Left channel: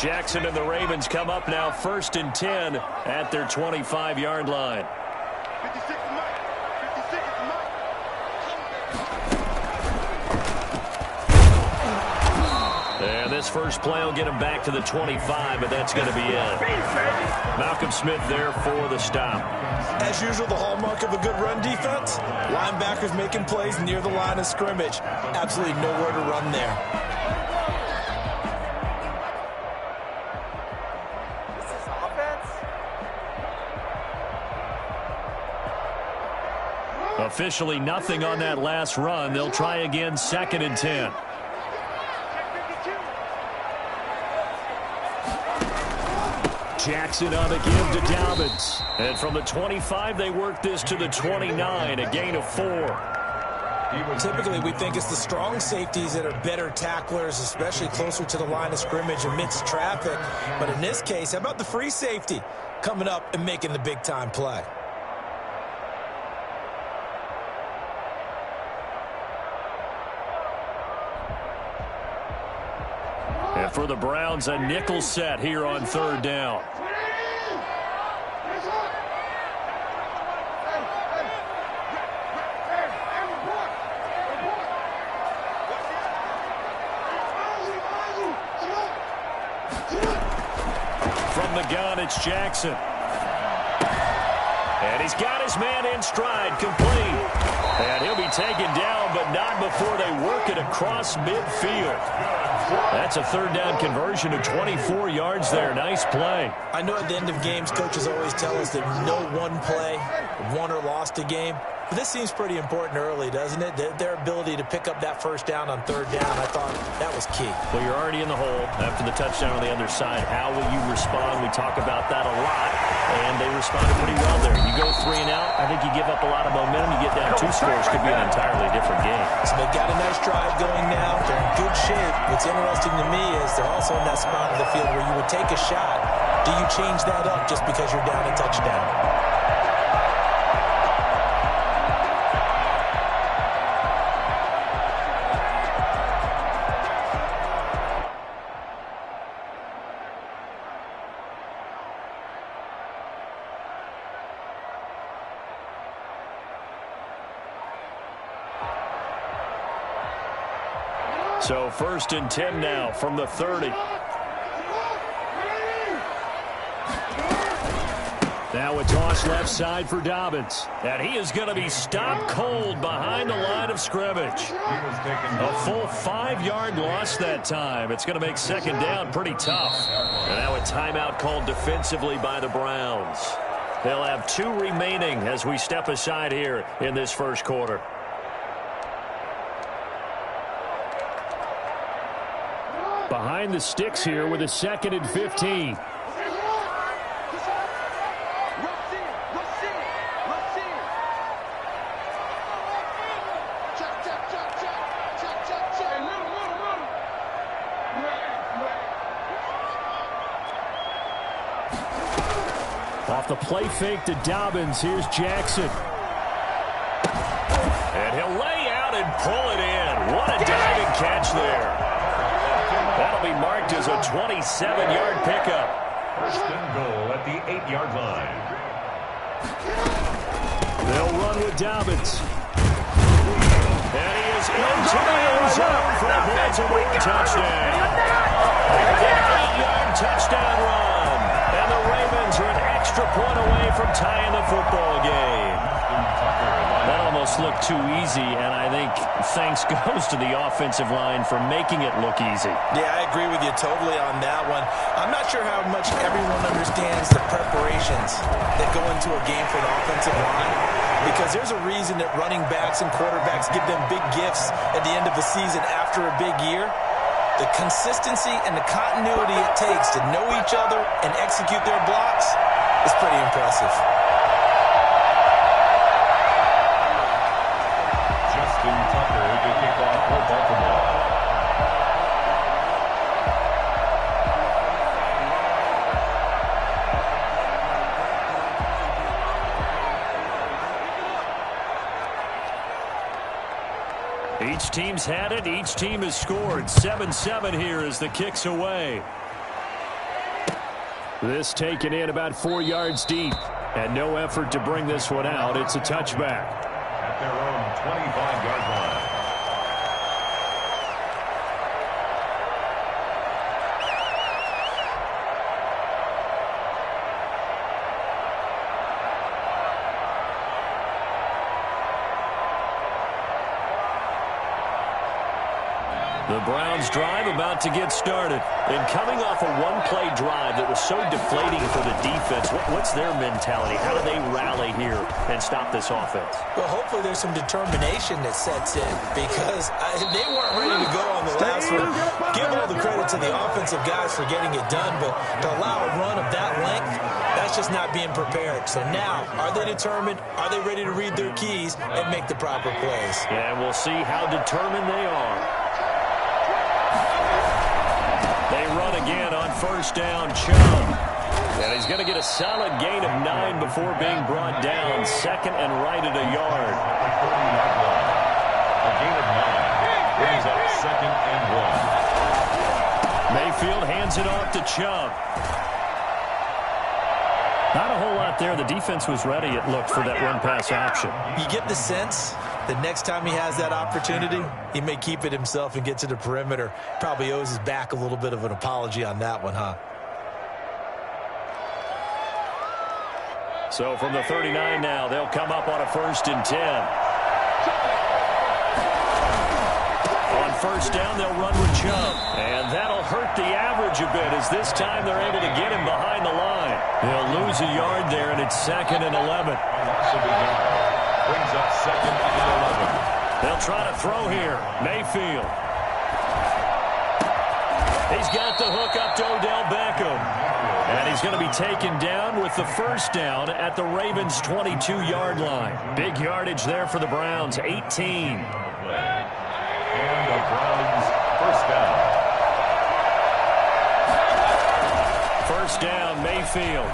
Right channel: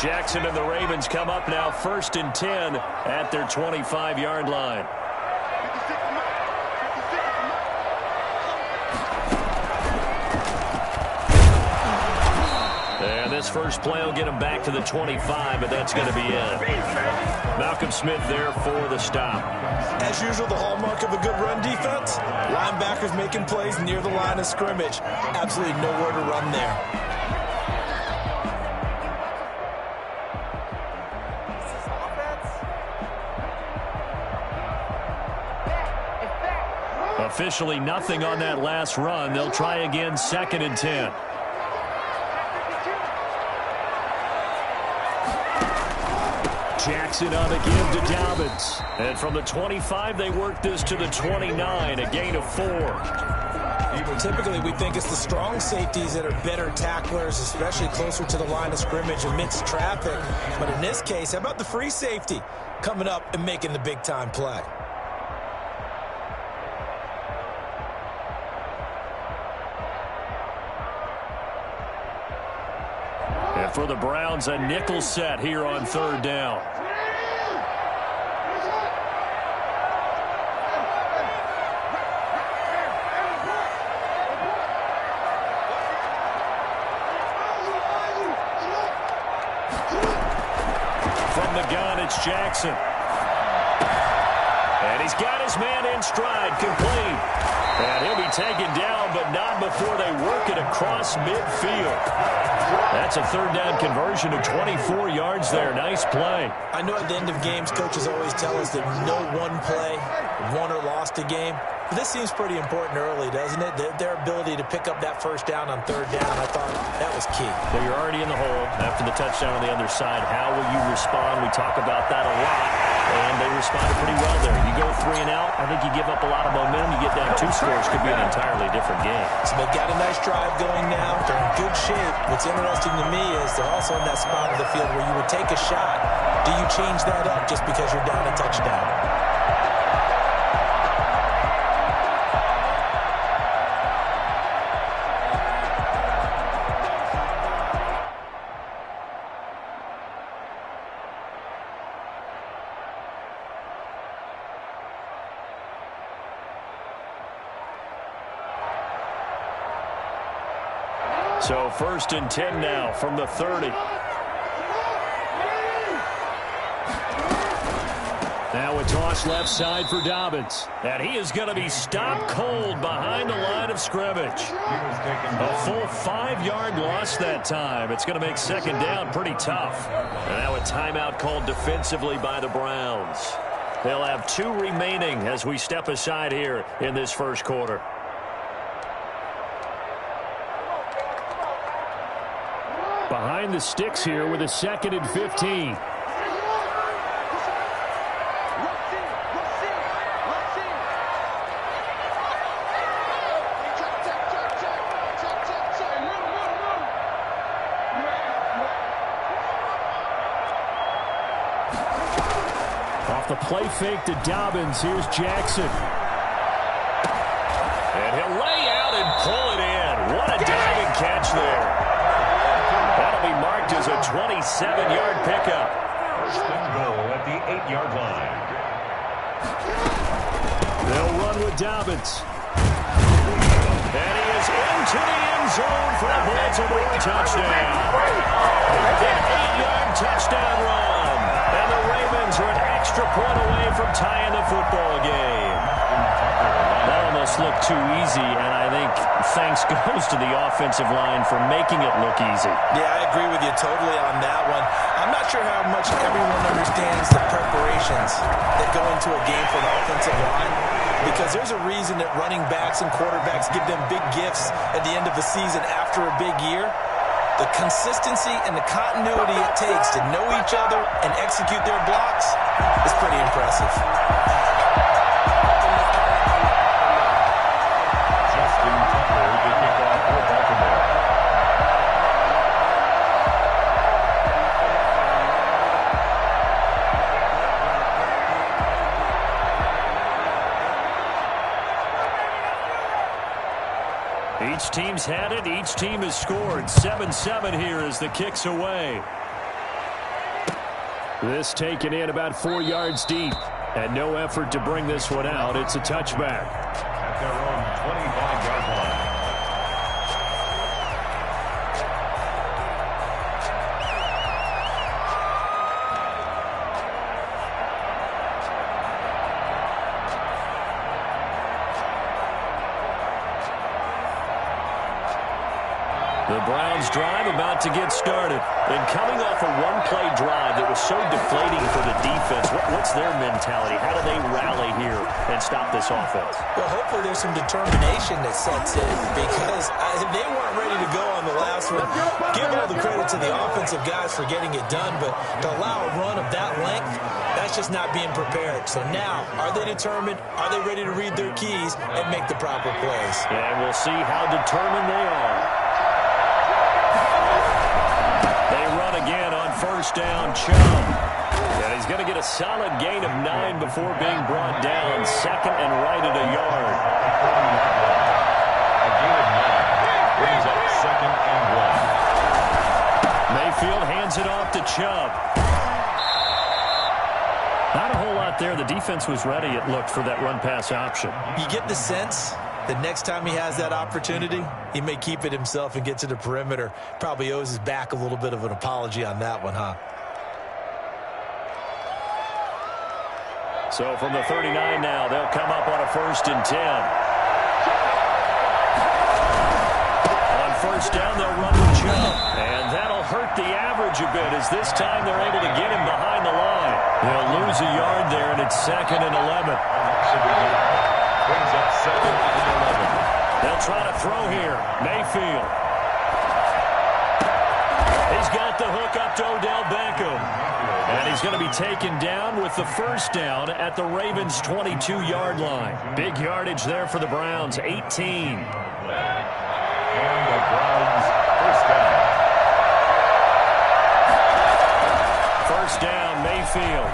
Jackson and the Ravens come up now 1st and 10 at their 25-yard line. And this first play will get him back to the 25, but that's going to be it. Malcolm Smith there for the stop. As usual, the hallmark of a good run defense, linebackers making plays near the line of scrimmage. Absolutely nowhere to run there. Officially nothing on that last run. They'll try again 2nd and 10. Jackson on the give to Dobbins. And from the 25, they work this to the 29, a gain of 4. Typically, we think it's the strong safeties that are better tacklers, especially closer to the line of scrimmage amidst traffic. But in this case, how about the free safety coming up and making the big-time play? And for the Browns, a nickel set here on 3rd down. From the gun, it's Jackson. And he's got his man in stride, complete. And he'll be taken down, but not before they work it across midfield. That's a 3rd down conversion of 24 yards there. Nice play. I know at the end of games, coaches always tell us that no one play won or lost a game. But this seems pretty important early, doesn't it? Their ability to pick up that 1st down on 3rd down, I thought that was key. Well, you're already in the hole after the touchdown on the other side. How will you respond? We talk about that a lot, and they responded pretty well there. You go 3 and out, I think you give up a lot of momentum. You get down 2 scores, could be an entirely different game. So they've got a nice drive going now. They're in good shape. What's interesting to me is they're also in that spot of the field where you would take a shot. Do you change that up just because you're down a touchdown? So 1st and 10 now from the 30. Now a toss left side for Dobbins. And he is going to be stopped cold behind the line of scrimmage. A full 5-yard loss that time. It's going to make 2nd down pretty tough. And now a timeout called defensively by the Browns. They'll have 2 remaining as we step aside here in this first quarter. Behind the sticks here with a 2nd and 15. Off the play fake to Dobbins, here's Jackson. And he'll lay out and pull it in. What a diving catch there. That'll be marked as a 27-yard pickup. 1st and goal at the 8-yard line. They'll run with Dobbins. And he is into the end zone for a Baltimore touchdown. An 8-yard touchdown run. And the Ravens are an extra point away from tying the football game. That almost looked too easy, and I think thanks goes to the offensive line for making it look easy. Yeah, I agree with you totally on that one. I'm not sure how much everyone understands the preparations that go into a game for the offensive line, because there's a reason that running backs and quarterbacks give them big gifts at the end of the season after a big year. The consistency and the continuity it takes to know each other and execute their blocks is pretty impressive. To kick off for Baltimore. Each team's had it. Each team has scored. 7-7 here as the kick's away. This taken in about 4 yards deep. And no effort to bring this one out. It's a touchback. At their own 25-yard line. The Browns drive about to get started. And coming off a one-play drive that was so deflating for the defense, what's their mentality? How do they rally here and stop this offense? Well, hopefully there's some determination that sets in because they weren't ready to go on the last one. Give all the credit to the offensive guys for getting it done, but to allow a run of that length, that's just not being prepared. So now, are they determined? Are they ready to read their keys and make the proper plays? And we'll see how determined they are. They run again on first down, Chubb. And he's going to get a solid gain of 9 before being brought down. Second and right at a yard. A gain of 9 brings up second and 1. Mayfield hands it off to Chubb. Not a whole lot there. The defense was ready, it looked, for that run-pass option. You get the sense that next time he has that opportunity, he may keep it himself and get to the perimeter. Probably owes his back a little bit of an apology on that one, huh? So from the 39 now, they'll come up on a 1st and 10. On first down, they'll run with Chubb. And that'll hurt the average a bit as this time they're able to get him behind the line. He'll lose a yard there, and it's 2nd and 11. Brings up second and 11. They'll try to throw here. Mayfield. He's got the hook up to Odell Beckham. And he's going to be taken down with the first down at the Ravens' 22-yard line. Big yardage there for the Browns, 18. And the Browns first down. First down, Mayfield.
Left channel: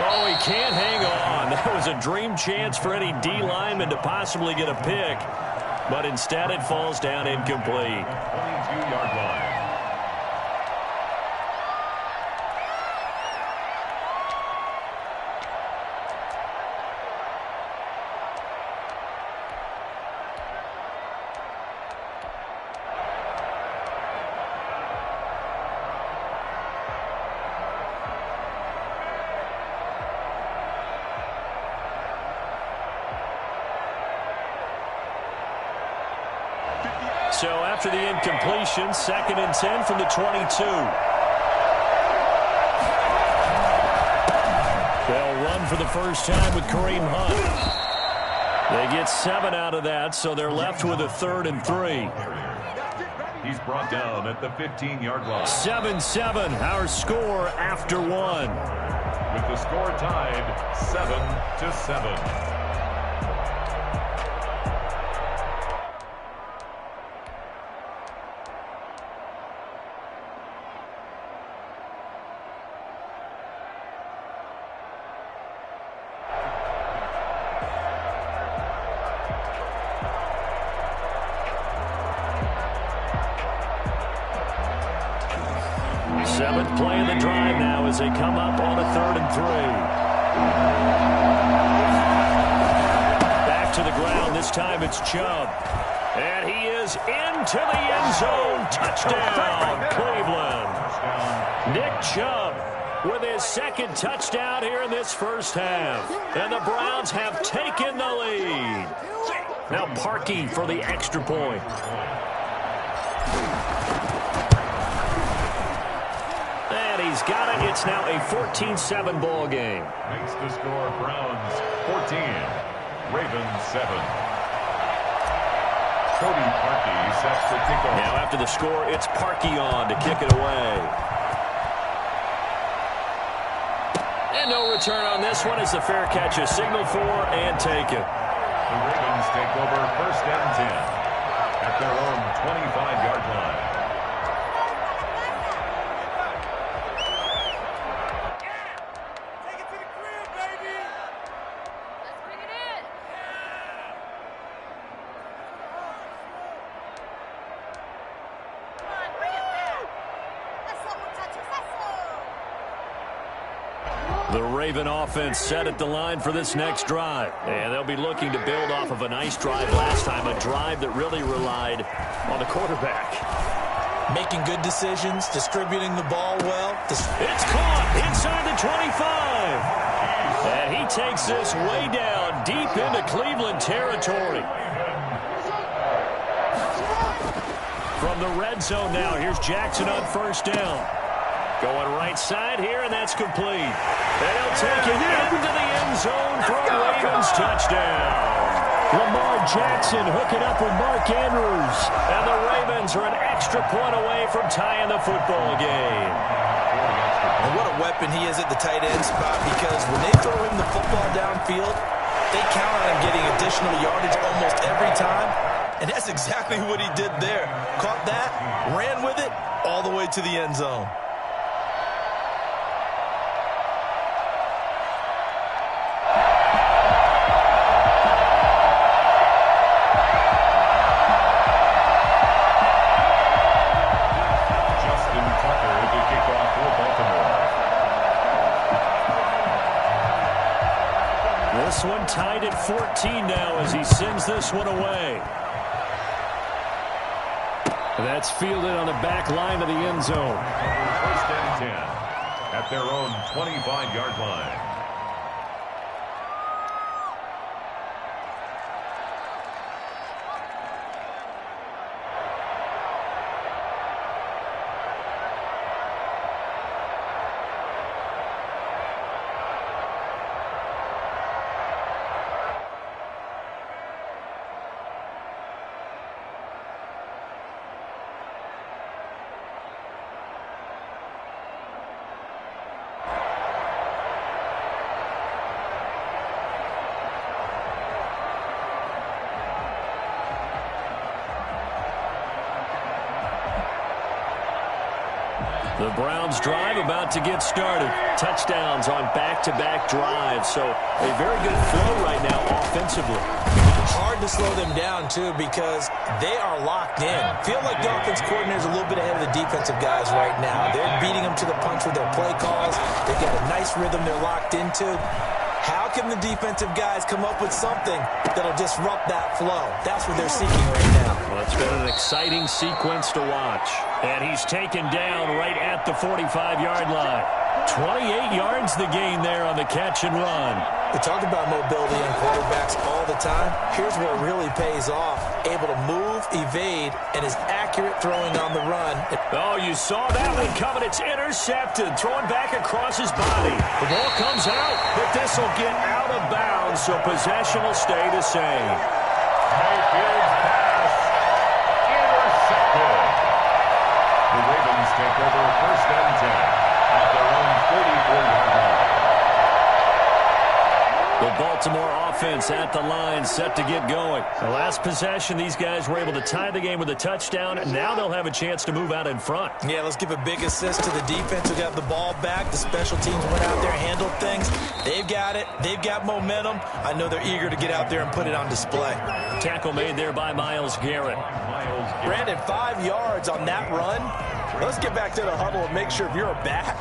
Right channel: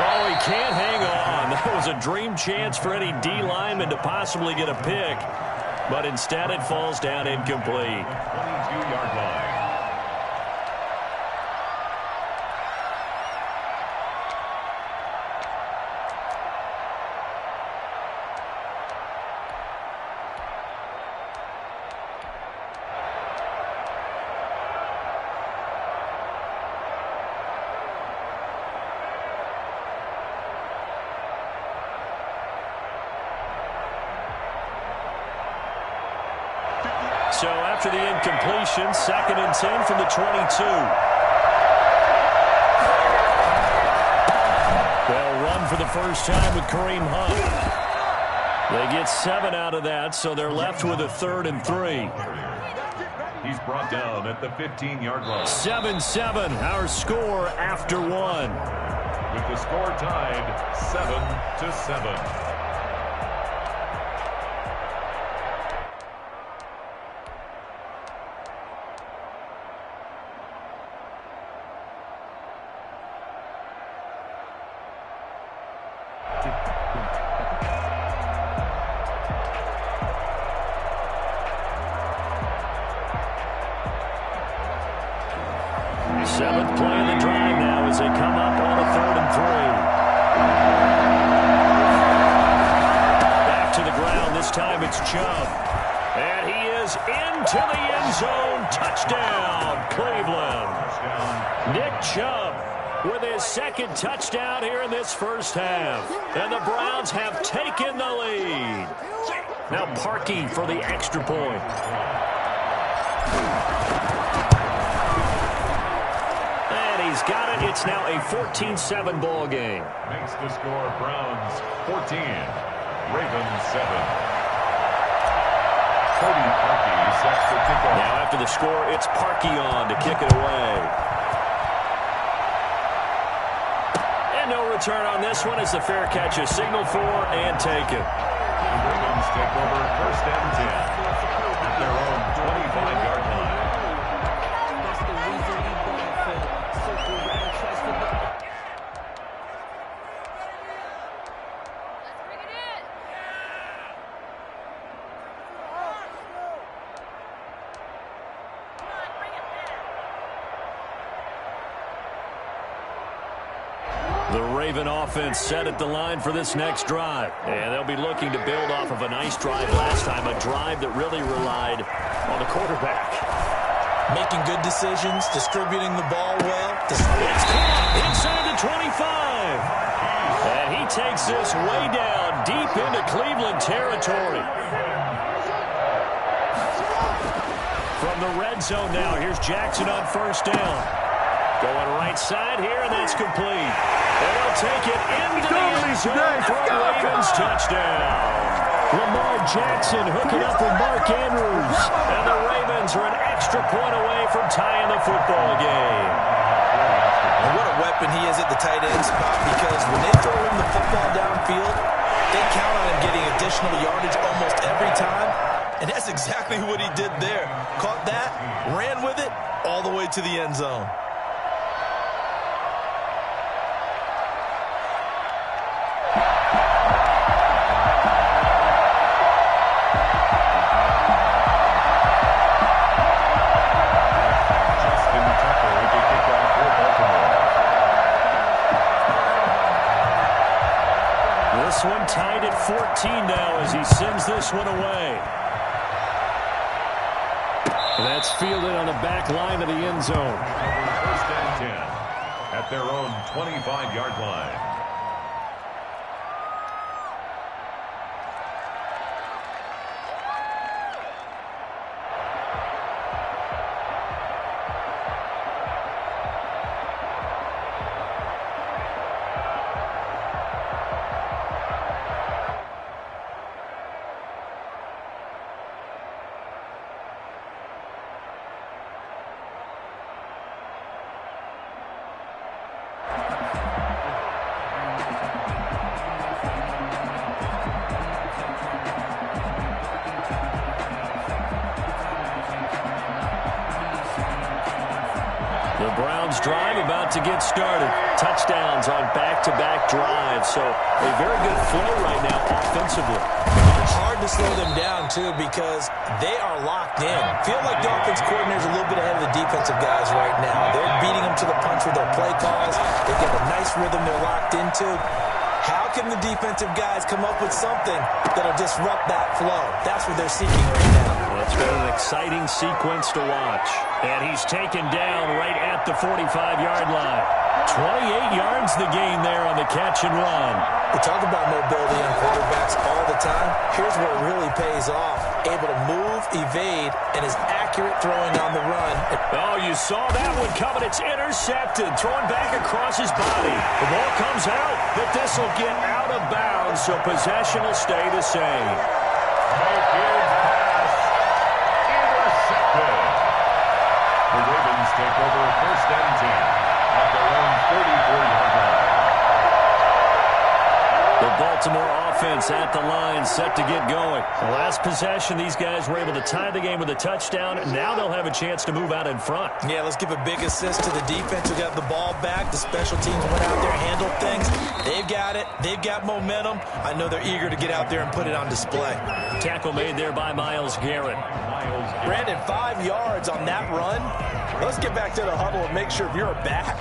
Oh, he can't hang on. That was a dream chance for any D lineman to possibly get a pick. But instead it falls down incomplete. 22-yard line. So after the incompletion, 2nd and 10 from the 22. They'll run for the first time with Kareem Hunt. They get 7 out of that, so they're left with a 3rd and 3. He's brought down at the 15-yard line. 7-7, our score after 1. With the score tied 7-7. Seventh play of the drive now as they come up on a 3rd and 3. Back to the ground. This time it's Chubb. And he is into the end zone. Touchdown, Cleveland. Nick Chubb with his 2nd touchdown here in this first half. And the Browns have taken the lead. Now Parkey for the extra point. He's got it. It's now a 14-7 ball game. Makes the score Browns 14, Ravens 7. Cody Parkey sets the kickoff. Now after the score, it's Parkey on to kick it away. And no return on this one as the fair catch is signaled for and taken. The Ravens take over 1st and 10 at their own 25-yard line. The Raven offense set at the line for this next drive. And they'll be looking to build off of a nice drive last time, a drive that really relied on the quarterback. Making good decisions, distributing the ball well. It's caught inside the 25. And he takes this way down deep into Cleveland territory. From the red zone now, here's Jackson on first down. Going right side here, and that's complete. And he'll take it into the end zone for a Ravens touchdown. Lamar Jackson hooking up with Mark Andrews. And the Ravens are an extra point away from tying the football game. And what a weapon he is at the tight end spot, because when they throw him the football downfield, they count on him getting additional yardage almost every time. And that's exactly what he did there. Caught that, ran with it, all the way to the end zone. This one tied at 14 now as he sends this one away. That's fielded on the back line of the end zone. First and 10 at their own 25-yard line. The Browns drive about to get started. Touchdowns on back-to-back drives. So a very good flow right now offensively. Hard to slow them down, too, because they are locked in. Feel like the offense coordinator's a little bit ahead of the defensive guys right now. They're beating them to the punch with their play calls. They've got a nice rhythm they're locked into. How can the defensive guys come up with something that'll disrupt that flow? That's what they're seeking right now. Well, it's been an exciting sequence to watch. And he's taken down right at the 45-yard line. 28 yards the gain there on the catch and run. We talk about mobility on quarterbacks all the time. Here's where it really pays off. Able to move, evade, and is accurate throwing on the run. Oh, you saw that one coming. It's intercepted. Throwing back across his body. The ball comes out, but this will get out of bounds, so possession will stay the same. Mayfield's pass intercepted. The Ravens take over first and 10 at their own 44-yard line. The Baltimore offense at the line, set to get going. The last possession, these guys were able to tie the game with a touchdown. Now they'll have a chance to move out in front. Yeah, let's give a big assist to the defense who got the ball back. The special teams went out there and handled things. They've got it. They've got momentum. I know they're eager to get out there and put it on display. Tackle made there by Myles Garrett. Brandon, 5 yards on that run. Let's get back to the huddle and make sure if you're a back,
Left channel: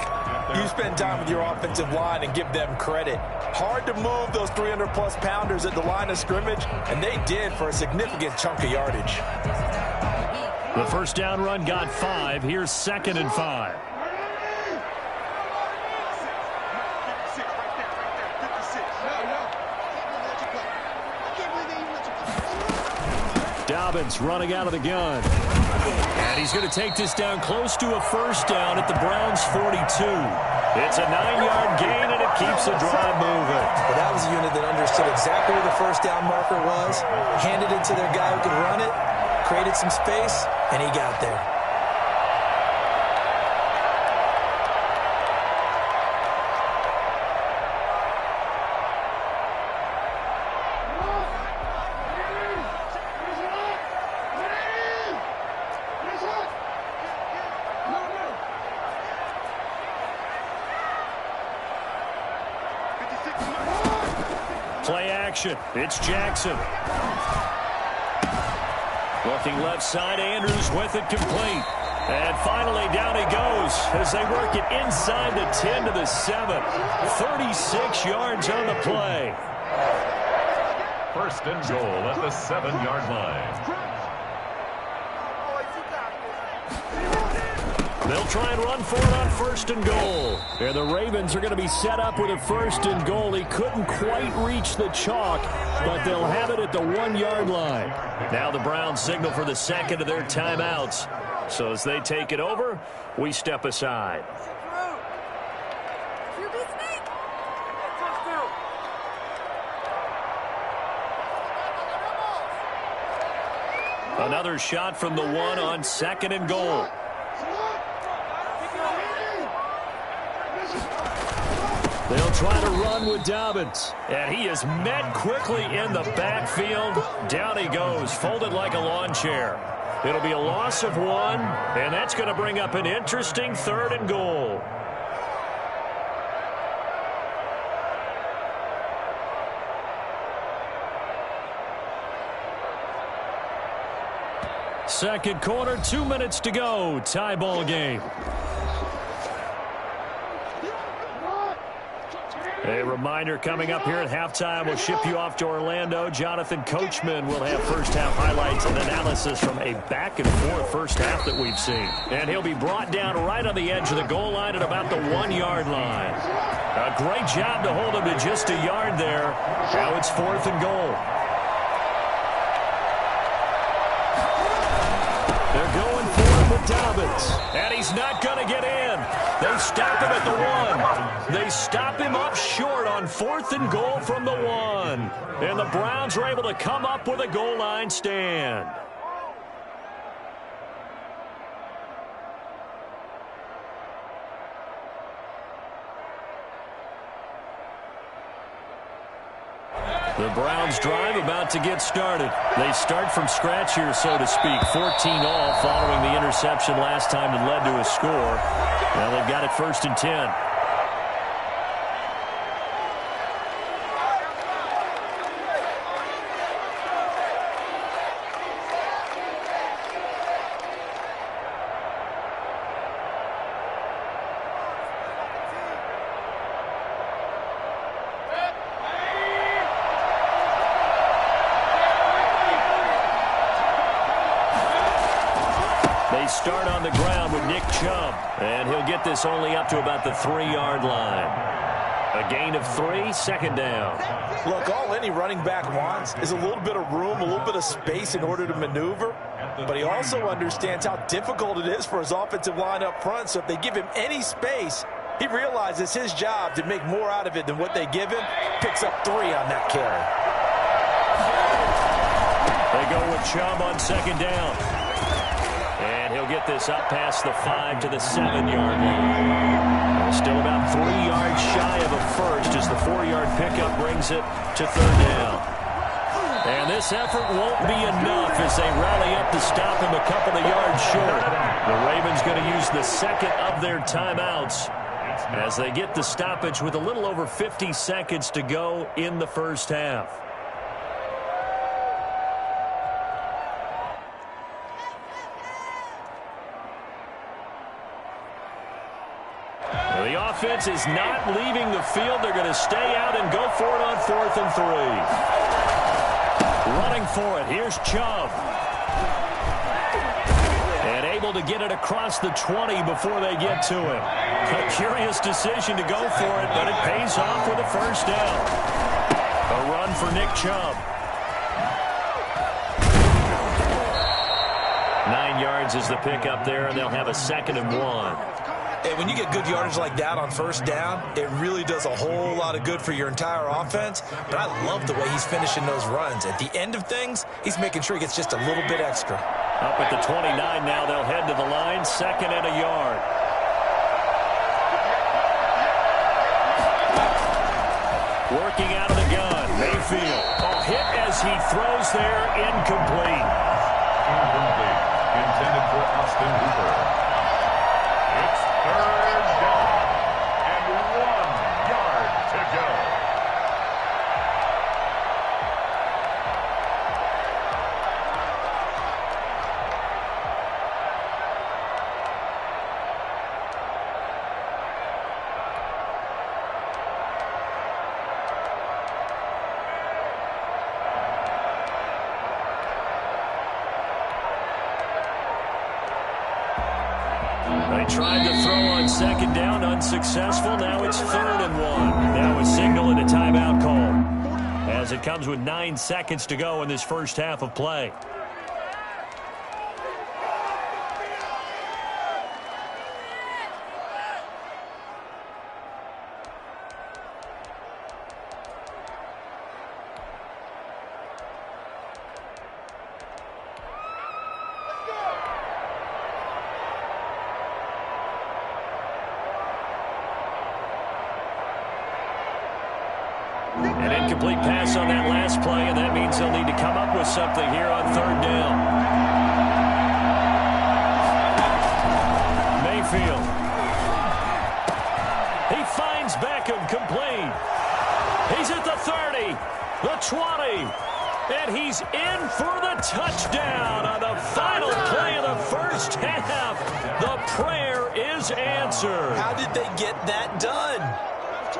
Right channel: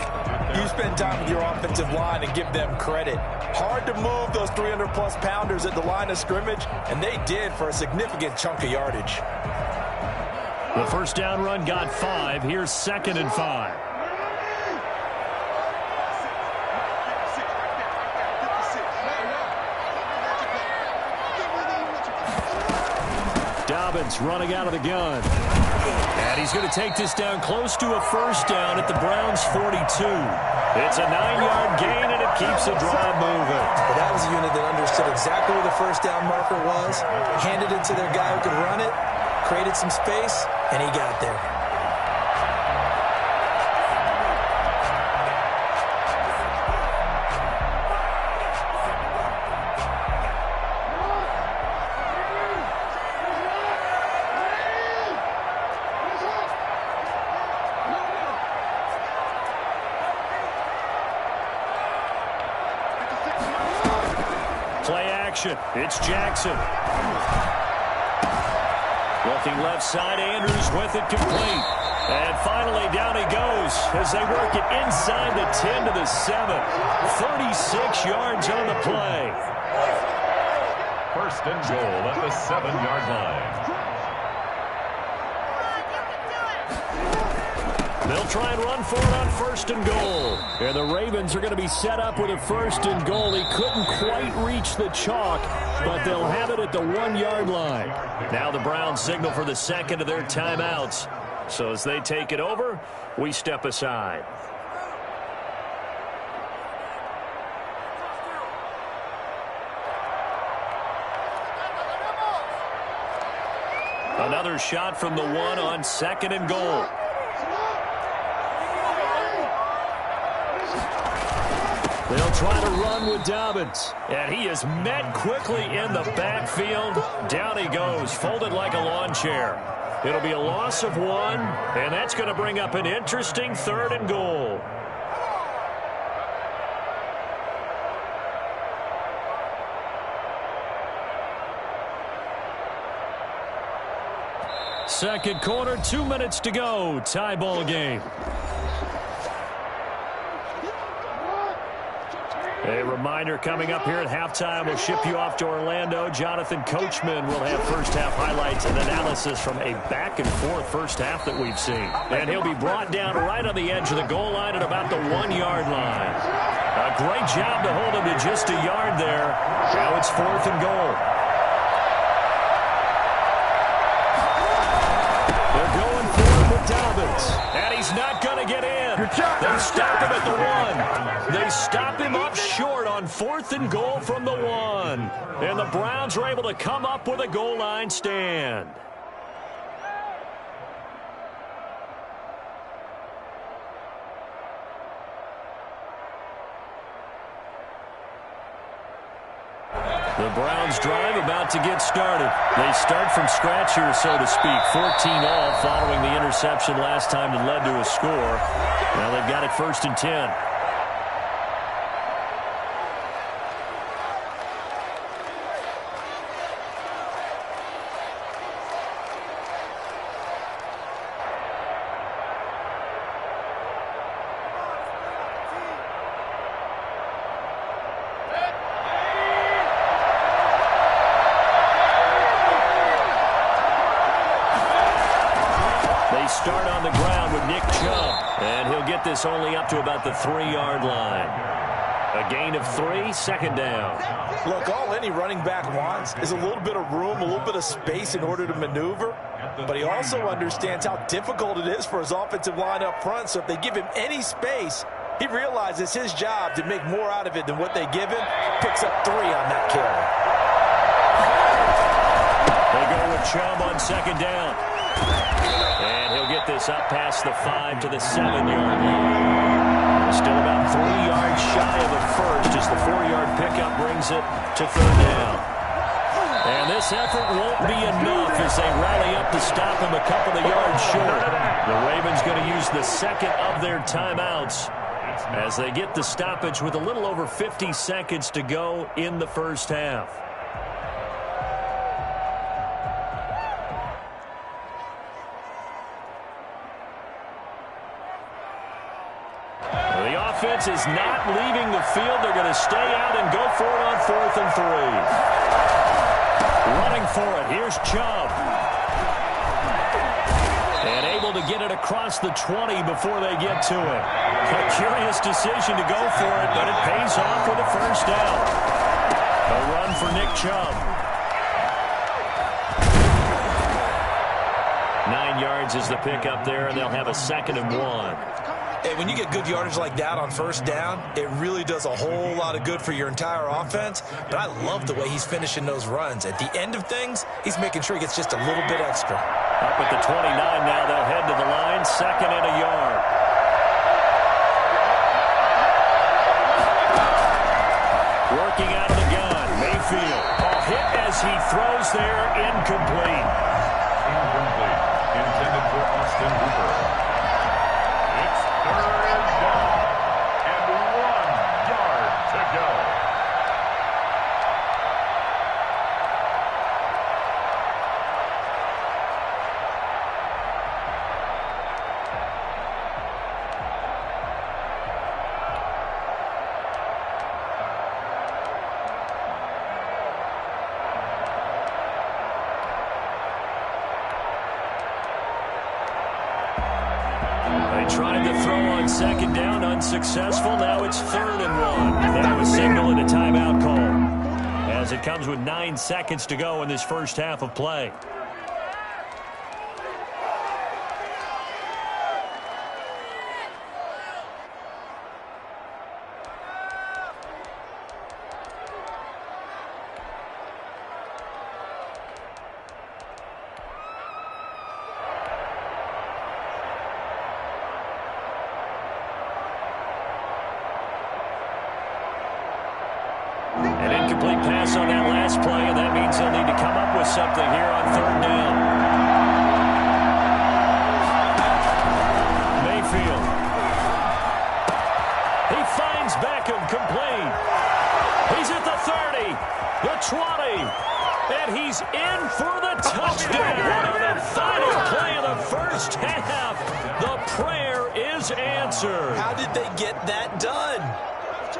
you spend time with your offensive line and give them credit. Hard to move those 300-plus pounders at the line of scrimmage, and they did for a significant chunk of yardage. The first down run got 5. Here's 2nd and 5. Dobbins running out of the gun. And he's going to take this down close to a first down at the Browns' 42. It's a 9-yard gain, and it keeps the drive moving. Well, that was a unit that understood exactly where the first down marker was, handed it to their guy who could run it, created some space, and he got there. Play action. It's Jackson. Looking left side, Andrews with it complete. And finally, down he goes as they work it inside the 10 to the 7. 36 yards on the play. First and goal at the 7-yard line. They'll try and run for it on first and goal. And the Ravens are going to be set up with a first and goal. He couldn't quite reach the chalk, but they'll have it at the 1-yard line. Now the Browns signal for the second of their timeouts. So as they take it over, we step aside. Another shot from the 1 on second and goal. They'll try to run with Dobbins. And he is met quickly in the backfield. Down he goes, folded like a lawn chair. It'll be a loss of 1, and that's going to bring up an interesting third and goal. Second quarter, 2 minutes to go. Tie ball game. A reminder coming up here at halftime. We'll ship you off to Orlando. Jonathan Coachman will have first-half highlights and analysis from a back-and-forth first half that we've seen. And he'll be brought down right on the edge of the goal line at about the 1-yard line. A great job to hold him to just a yard there. Now it's fourth and goal. They're going for it with Dobbins. And he's not going to get in. They stop him at the 1. They stop him up short on fourth and goal from the 1. And the Browns are able to come up with a goal line stand. The Browns drive about to get started. They start from scratch here, so to speak. 14 all following the interception last time that led to a score. Now they've got it first and 10. Start on the ground with Nick Chubb, and he'll get this only up to about the 3-yard line. A gain of 3, second down. Look, all any running back wants is a little bit of room, a little bit of space in order to maneuver, but he also understands how difficult it is for his offensive line up front, so if they give him any space, he realizes his job to make more out of it than what they give him. Picks up 3 on that carry. They go with Chubb on second down. And he'll get this up past the 5 to the 7-yard line. Still about 3 yards shy of a first as the 4-yard pickup brings it to third down. And this effort won't be enough as they rally up to stop him a couple of yards short. The Ravens going to use the second of their timeouts as they get the stoppage with a little over 50 seconds to go in the first half. The offense is not leaving the field. They're going to stay out and go for it on 4th and 3. Running for it. Here's Chubb. And able to get it across the 20 before they get to him. A curious decision to go for it, but it pays off with a first down. A run for Nick Chubb. 9 yards is the pickup there, and they'll have a 2nd and 1. Hey, when you get good yardage like that on first down, it really does a whole lot of good for your entire offense. But I love the way he's finishing those runs. At the end of things, he's making sure he gets just a little bit extra. Up at the 29 now, they'll head to the line, 2nd and a yard. Working out of the gun, Mayfield. A hit as he throws there, incomplete. Incomplete. Intended for Austin Hooper. It's third down and 1 yard to go. They tried to throw on second down, unsuccessful. Now it's 3rd and 1. That was signaling a timeout call, as it comes with 9 seconds to go in this first half of play. An incomplete pass on that last play, and that means they'll need to come up with something here on 3rd down. Mayfield. He finds Beckham complete. He's at the 30, the 20, and he's in for the touchdown on the final play of the first half. The prayer is answered. How did they get that done?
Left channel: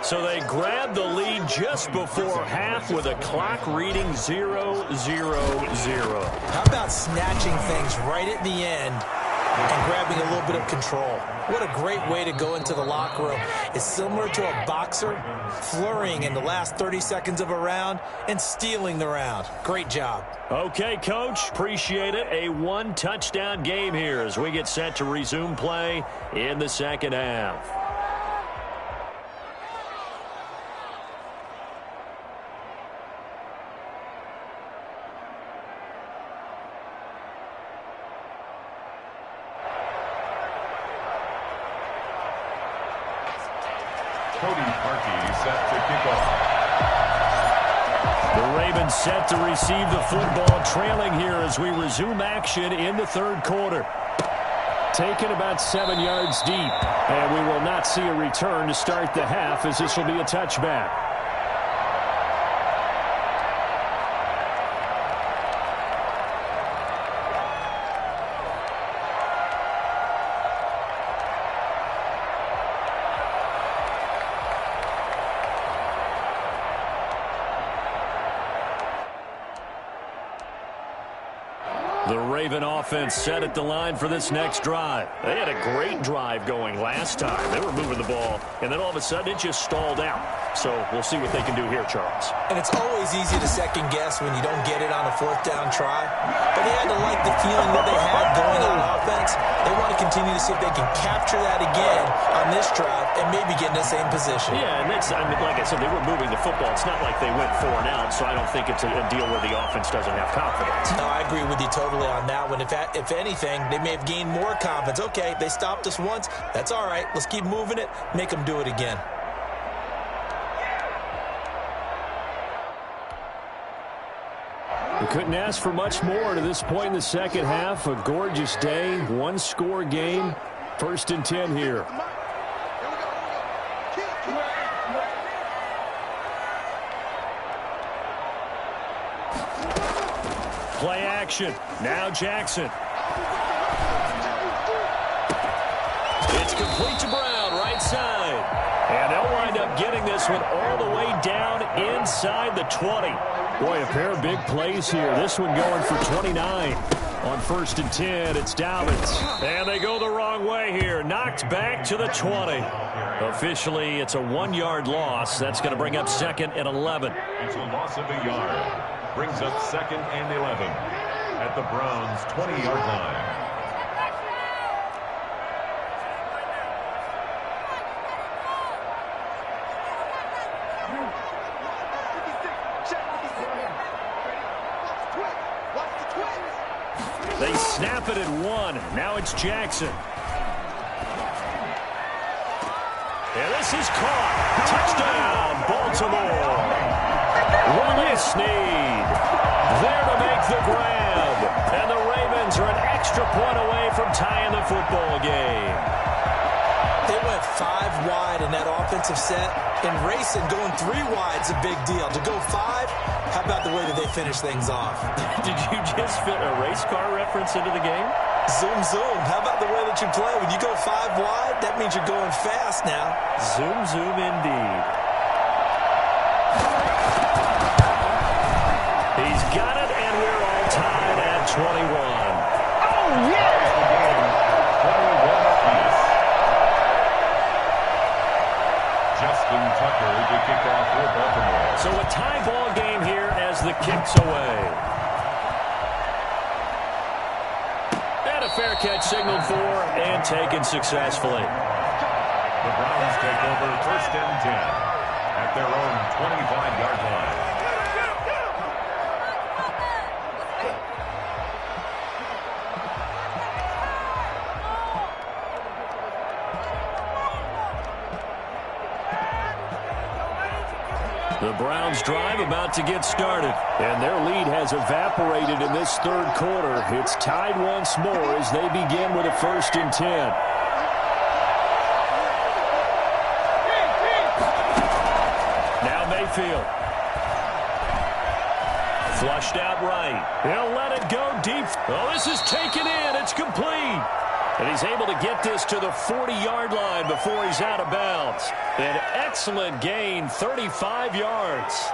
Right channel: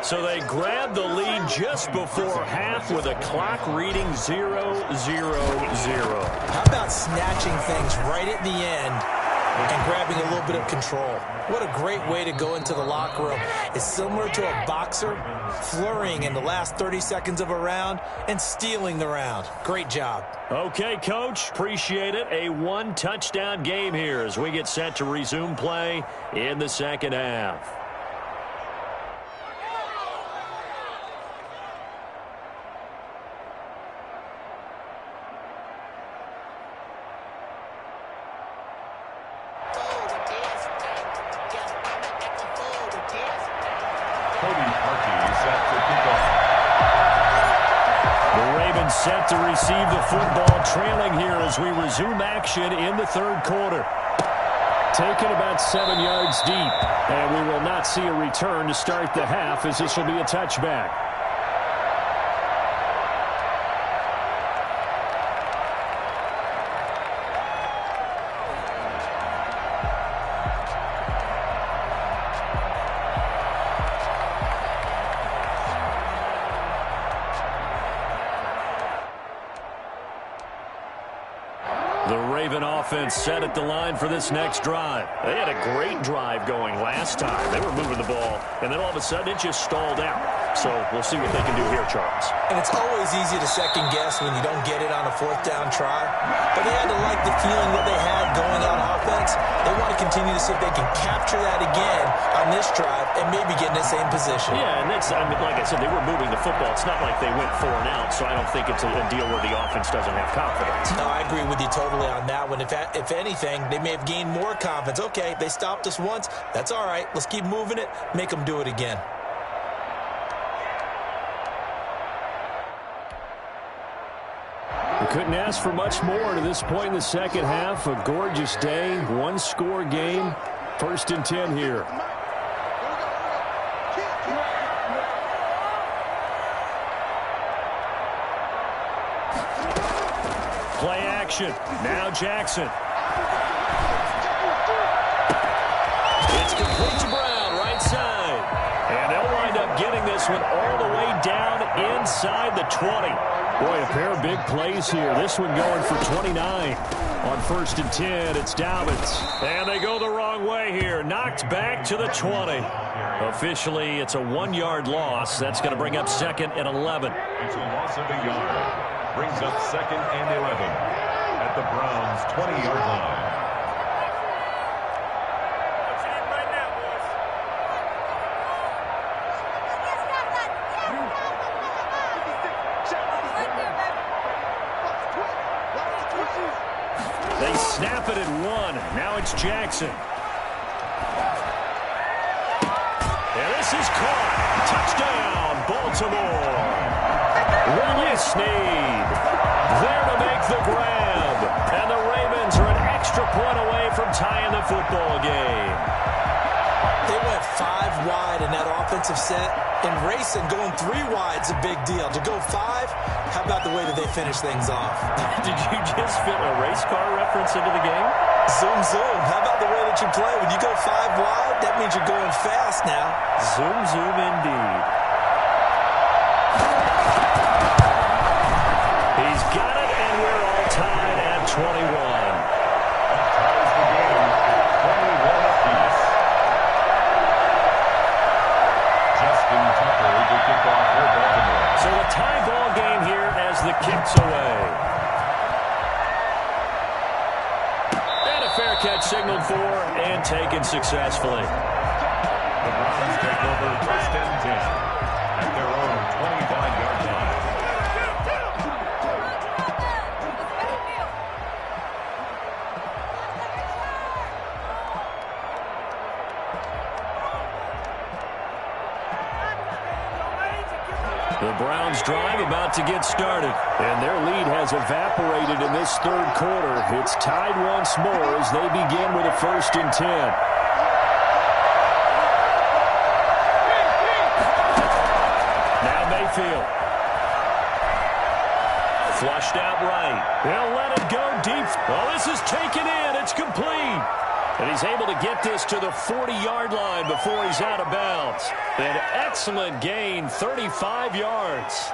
So they grabbed the lead just before half with a clock reading 0-0-0. How about snatching things right at the end and grabbing a little bit of control? What a great way to go into the locker room. It's similar to a boxer flurrying in the last 30 seconds of a round and stealing the round. Great job. Okay, Coach, appreciate it. A 1-touchdown game here as we get set to resume play in the second half. The Ravens set to receive the football, trailing here as we resume action in the 3rd quarter. Taken about 7 yards deep, and we will not see a return to start the half, as this will be a touchback. The Raven offense set at the line for this next drive. They had a great drive going last time. They were moving the ball, and then all of a sudden it just stalled out. So we'll see what they can do here, Charles. And it's always easy to second guess when you don't get it on a 4th down try. But they had to like the feeling that they had going on offense. They want to continue to see if they can capture that again on this drive and maybe get in the same position. Yeah, and that's, I mean, like I said, they were moving the football. It's not like they went 4 and out, so I don't think it's a deal where the offense doesn't have confidence. No, I agree with you totally on that one. If anything, they may have gained more confidence. Okay, they stopped us once. That's all right. Let's keep moving it. Make them do it again. We couldn't ask for much more to this point in the second half. A gorgeous day, 1-score game. 1st and 10 here. Play action. Now Jackson. It's complete to Brown, right side. And they'll wind up getting this one all the way down inside the 20. Boy, a pair of big plays here. This one going for 29. On 1st and 10, it's Dobbins. And they go the wrong way here. Knocked back to the 20. Officially, it's a 1-yard loss. That's going to bring up 2nd and 11. It's a loss of a yard. Brings up 2nd and 11 at the Browns' 20-yard line. They snap it at 1. Now it's Jackson. And this is caught. Touchdown, Baltimore. Willie Snead there to make the grab. And the Ravens are an extra point away from tying the football game. They went 5 wide in that offensive set. And racing, going 3 wide's a big deal. To go 5, how about the way that they finish things off? Did you just fit a race car reference into the game? Zoom, zoom. How about the way that you play? When you go 5 wide, that means you're going fast now. Zoom, zoom indeed. He's got it, and we're all tied at 21. Ties the game at 21 apiece. signaled for and taken successfully. The Browns take over 1st and 10 at their own 25-yard line. The Browns drive about to get started, and their lead has evaporated in this third quarter. It's tied once more as they begin with a 1st and 10. Now Mayfield. Flushed out right. He'll let it go deep. Oh, this is taken in. It's complete. And he's able to get this to the 40-yard line before he's out of bounds. An excellent gain, 35 yards.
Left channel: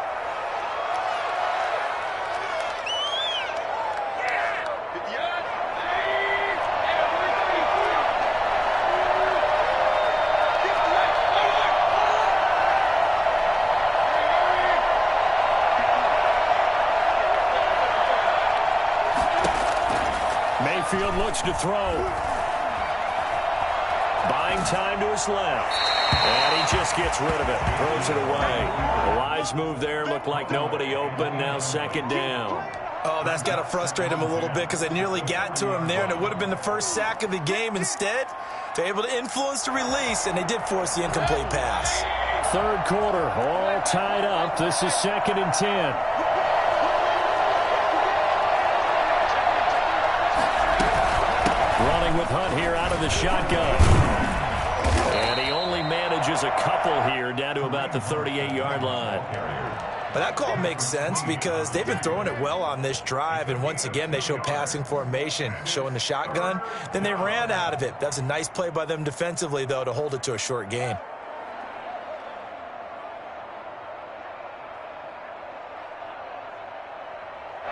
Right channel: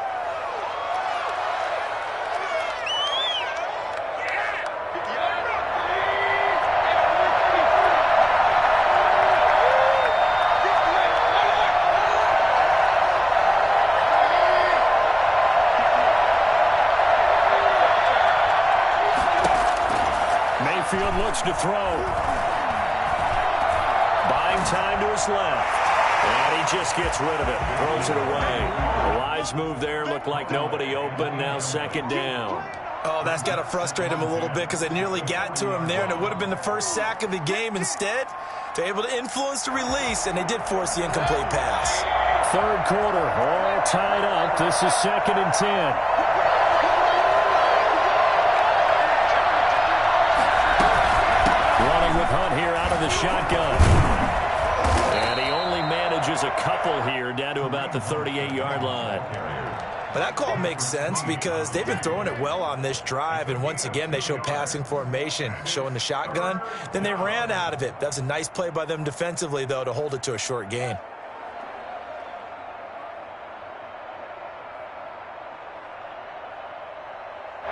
Mayfield looks to throw. Buying time to his left. And he just gets rid of it. Throws it away. A wise move there. Looked like nobody open. Now 2nd down. Oh, that's got to frustrate him a little bit because they nearly got to him there, and it would have been the first sack of the game. Instead, they're able to influence the release, and they did force the incomplete pass. Third quarter, all tied up. This is 2nd and 10. Running with Hunt here out of the shotgun. And he only manages a couple here down to about the 38-yard line. But that call makes sense because they've been throwing it well on this drive, and once again they show passing formation, showing the shotgun. Then they ran out of it. That's a nice play by them defensively, though, to hold it to a short gain.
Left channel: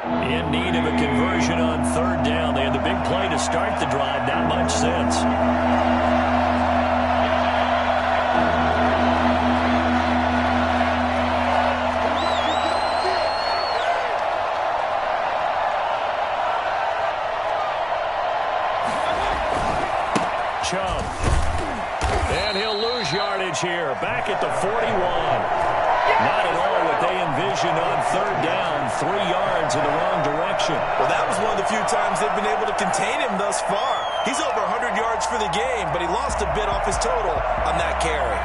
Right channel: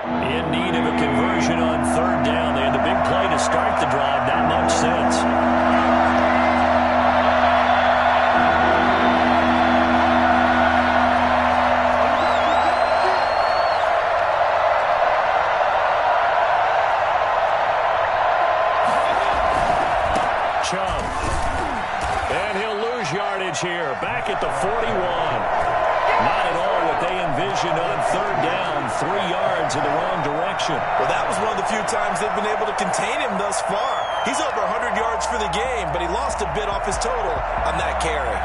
In need of a conversion on 3rd down. They had the big play to start the drive. Not much sense. Chubb. And he'll lose yardage here. Back at the 41. Not at all what they envisioned on 3rd down. 3 yards in the wrong direction. Well, that was one of the few times they've been able to contain him thus far. He's over 100 yards for the game, but he lost a bit off his total on that carry.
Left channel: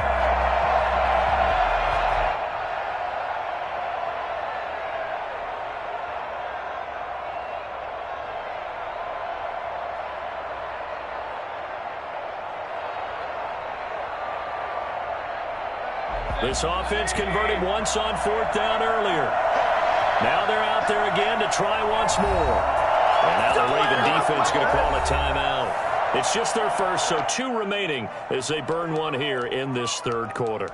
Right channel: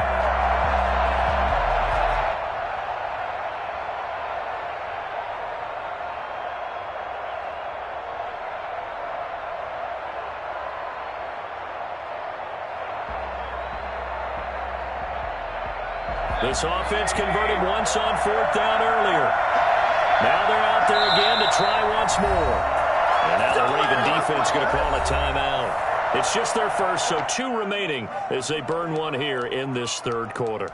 This offense converted once on 4th down earlier. Now they're out there again to try once more. And now the Raven defense going to call a timeout. It's just their first, so 2 remaining as they burn one here in this third quarter.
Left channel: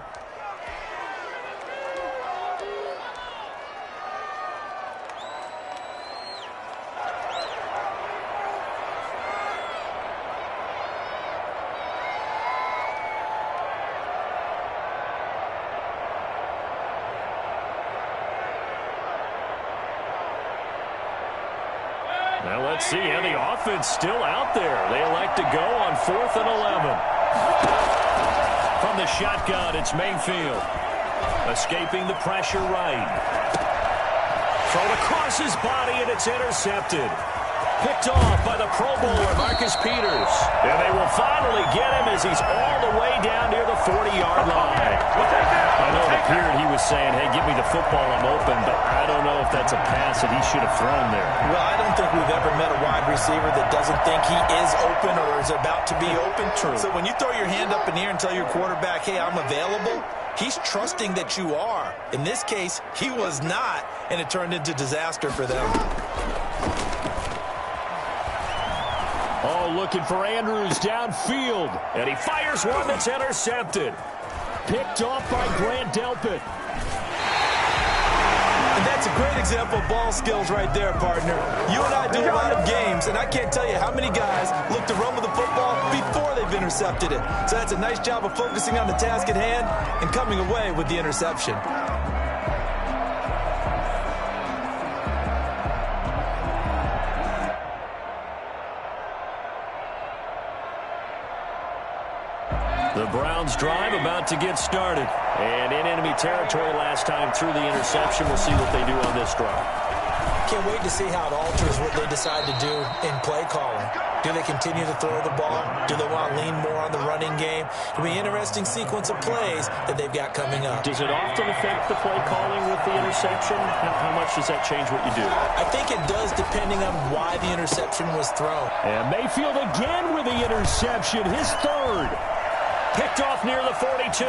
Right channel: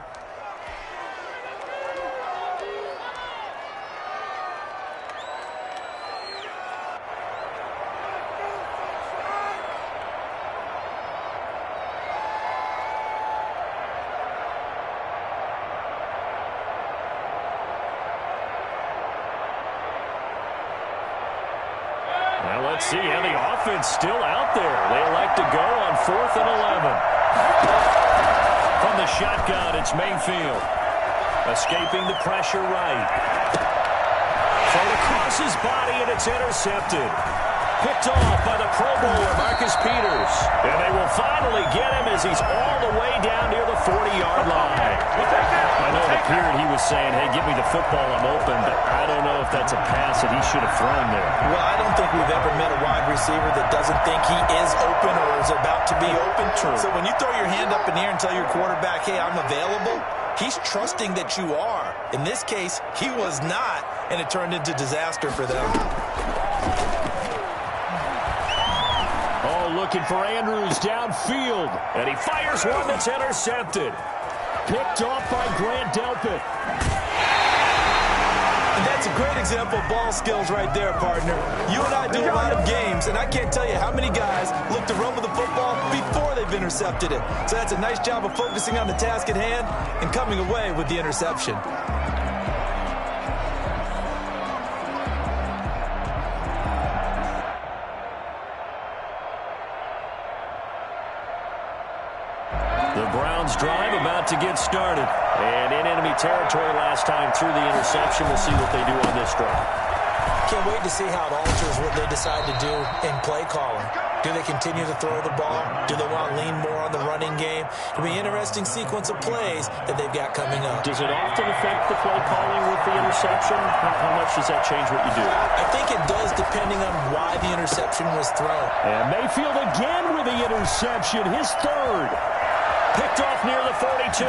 Well, let's see how the offense still out there. They elect to go on 4th and 11. From the shotgun, it's Mayfield. Escaping the pressure right. Thrown across his body, and it's intercepted. Picked off by the Pro Bowler, Marcus Peters. And they will finally get him as he's all the way down near the 40-yard line. I know it appeared he was saying, hey, give me the football, I'm open, but I don't know if that's a pass that he should have thrown there. Well, I don't think we've ever met a wide receiver that doesn't think he is open or is about to be open. True. So when you throw your hand up in the air and tell your quarterback, hey, I'm available, he's trusting that you are. In this case, he was not, and it turned into disaster for them. Oh, looking for Andrews downfield. And he fires one that's intercepted. Picked off by Grant Delpit. And that's a great example of ball skills right there, partner. You and I do a lot of games, and I can't tell you how many guys look to run with the football before they've intercepted it. So that's a nice job of focusing on the task at hand and coming away with the interception. The Browns drive about to get started. And in enemy territory last time through the interception. We'll see what they do on this drive. Can't wait to see how it alters what they decide to do in play calling. Do they continue to throw the ball? Do they want to lean more on the running game? It'll be an interesting sequence of plays that they've got coming up. Does it often affect the play calling with the interception? How much does that change what you do? I think it does, depending on why the interception was thrown. And Mayfield again with the interception, his third. Picked off near the 42.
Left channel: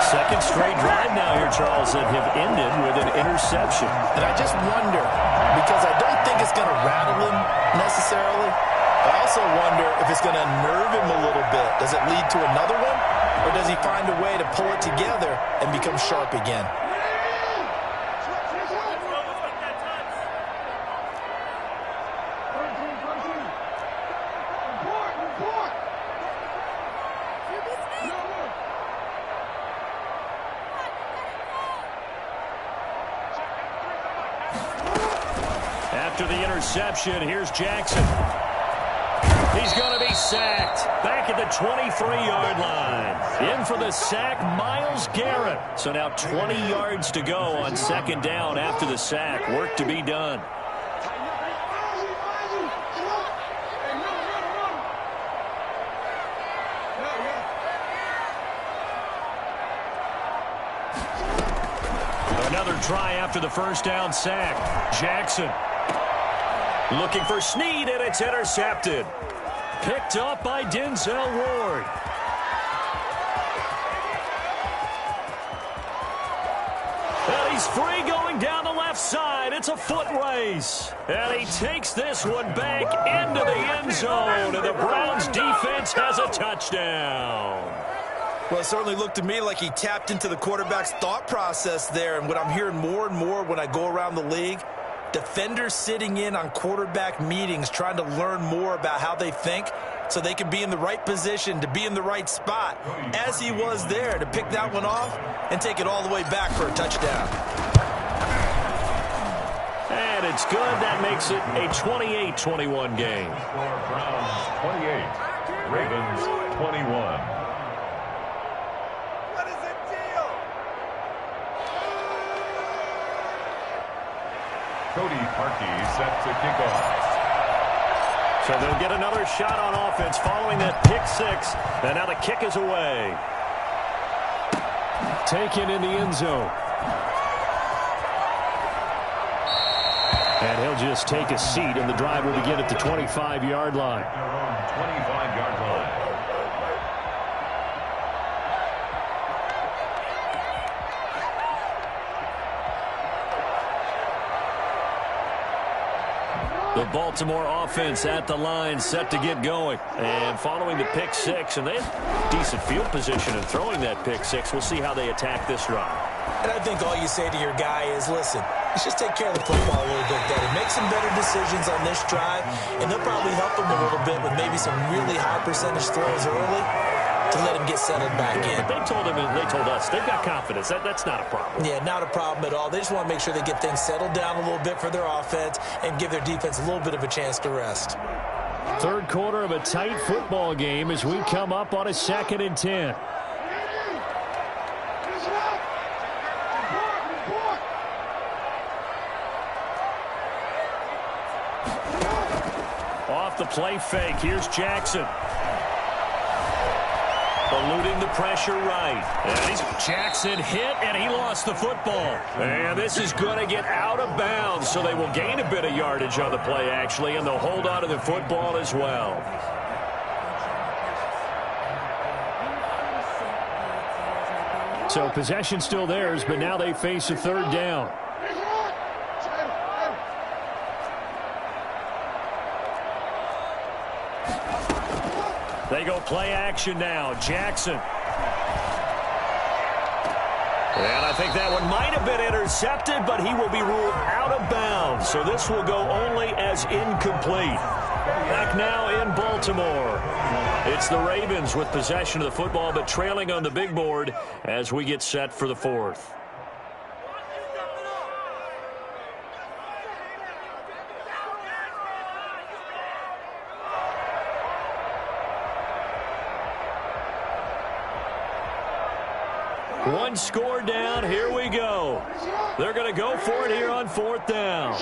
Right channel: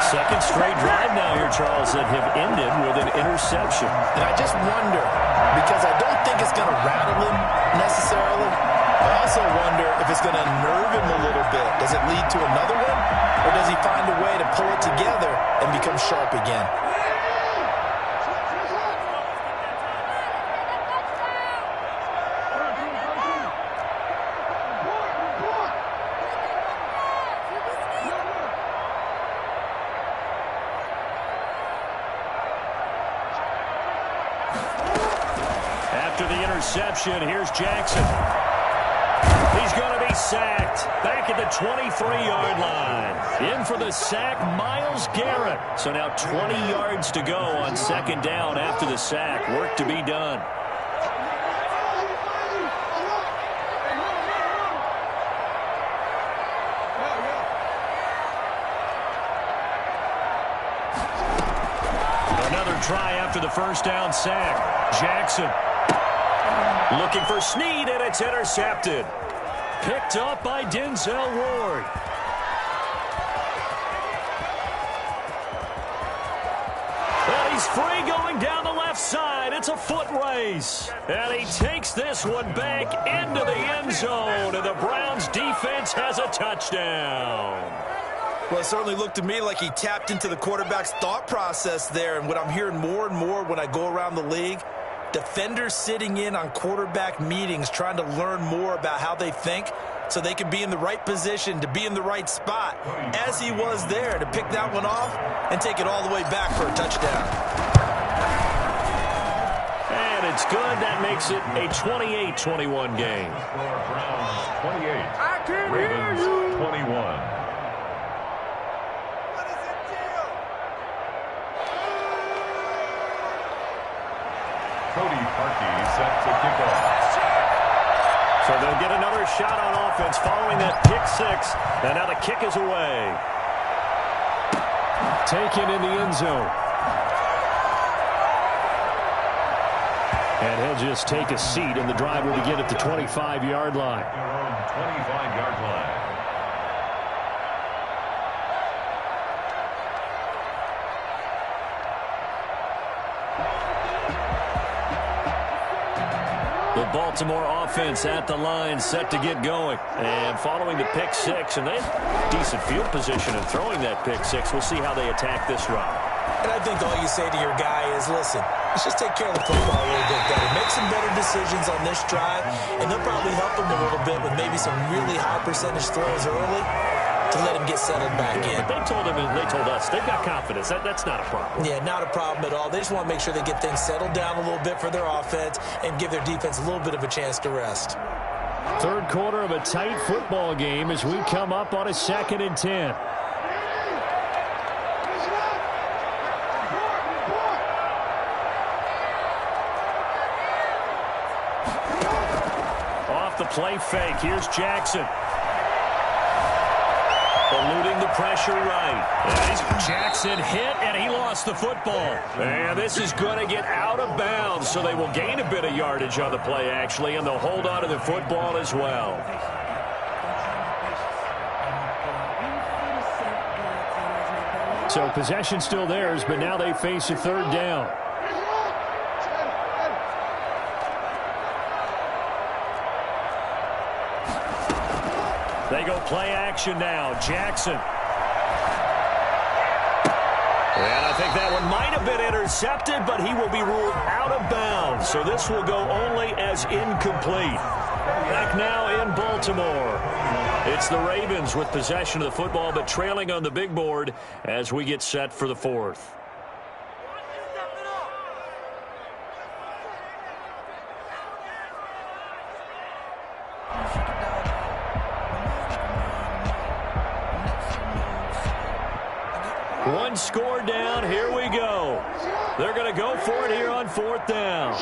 Second straight drive now here, Charles, that have ended with an interception. And I just wonder, because I don't think it's going to rattle him necessarily, I also wonder if it's going to nerve him a little bit. Does it lead to another one? Or does he find a way to pull it together and become sharp again? After the interception, here's Jackson. He's going to be sacked. Back at the 23-yard line. In for the sack, Myles Garrett. So now 20 yards to go on second down after the sack. Work to be done. Another try after the first down sack. Jackson looking for Snead, and it's intercepted. Picked up by Denzel Ward. And he's free going down the left side. It's a foot race. And he takes this one back into the end zone. And the Browns defense has a touchdown. Well, it certainly looked to me like he tapped into the quarterback's thought process there. And what I'm hearing more and more when I go around the league, defenders sitting in on quarterback meetings trying to learn more about how they think so they can be in the right position to be in the right spot, as he was there to pick that one off and take it all the way back for a touchdown. And it's good. That makes it a 28-21 game. Score Browns 28, Ravens 21. Cody Parkey set to kick off. So they'll get another shot on offense following that pick six. And now the kick is away. Taken in the end zone. And he'll just take a seat, and the drive will begin at the 25-yard line. Their own 25-yard line. The Baltimore offense at the line, set to get going. And following the pick six, and they had decent field position in throwing that pick six. We'll see how they attack this drive. And I think all you say to your guy is, listen, let's just take care of the football a little bit better. Make some better decisions on this drive, and they'll probably help him a little bit with maybe some really high percentage throws early to let him get settled back in. But they told him, and they told us, they've got confidence. That's not a problem. Yeah, not a problem at all. They just want to make sure they get things settled down a little bit for their offense and give their defense a little bit of a chance to rest. Third quarter of a tight football game as we come up on a 2nd and 10. Off the play fake. Here's Jackson. Eluding the pressure right. And Jackson hit, and he lost the football. And this is going to get out of bounds, so they will gain a bit of yardage on the play, actually, and they'll hold on to the football as well. So possession still theirs, but now they face a third down. They go play action now. Jackson. And I think that one might have been intercepted, but he will be ruled out of bounds. So this will go only as incomplete. Back now in Baltimore. It's the Ravens with possession of the football, but trailing on the big board as we get set for the fourth. One score down. Here we go. They're going to go for it here on 4th down.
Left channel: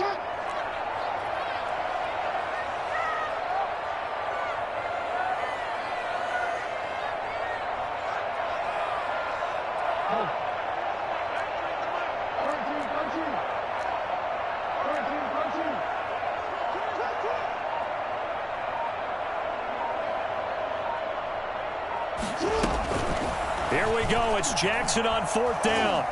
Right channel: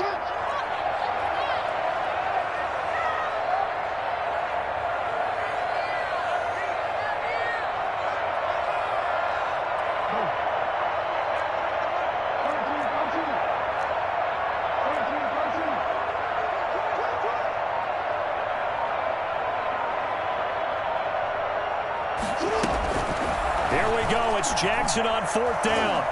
Here we go. It's Jackson on 4th down.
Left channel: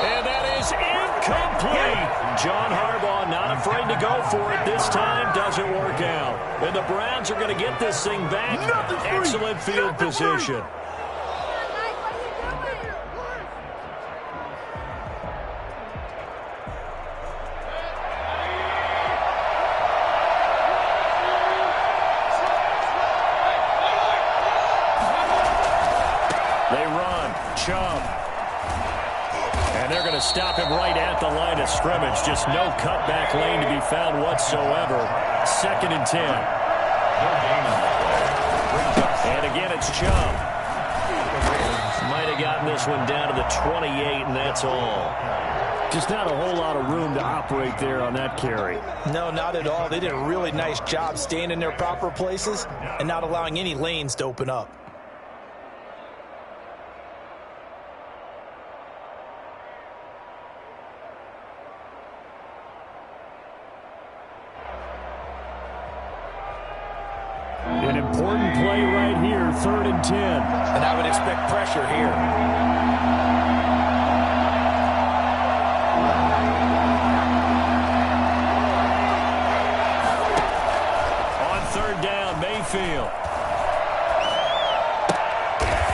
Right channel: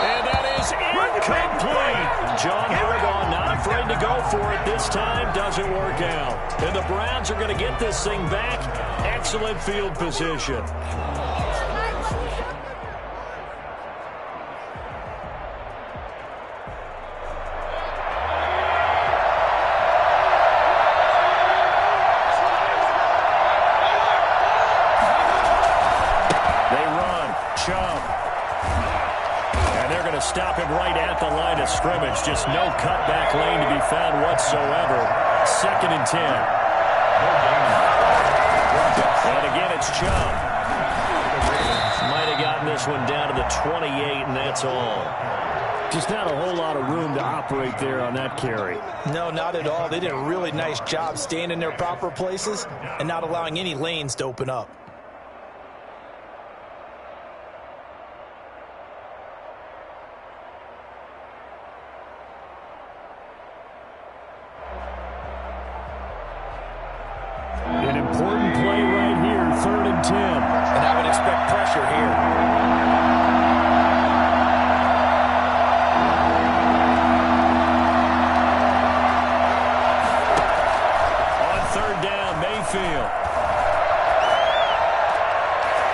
And that is incomplete. John Harbaugh not afraid to go for it. This time doesn't work out. And the Browns are going to get this thing back. Excellent field position. They run. Chubb. And they're going to stop him right at the line of scrimmage. Just no cutback lane to be found whatsoever. 2nd and 10. And again, it's Chubb. Might have gotten this one down to the 28, and that's all. Just not a whole lot of room to operate there on that carry. No, not at all. They did a really nice job staying in their proper places and not allowing any lanes to open up. An important play right here, 3rd and 10. And I would expect pressure here. On 3rd down, Mayfield.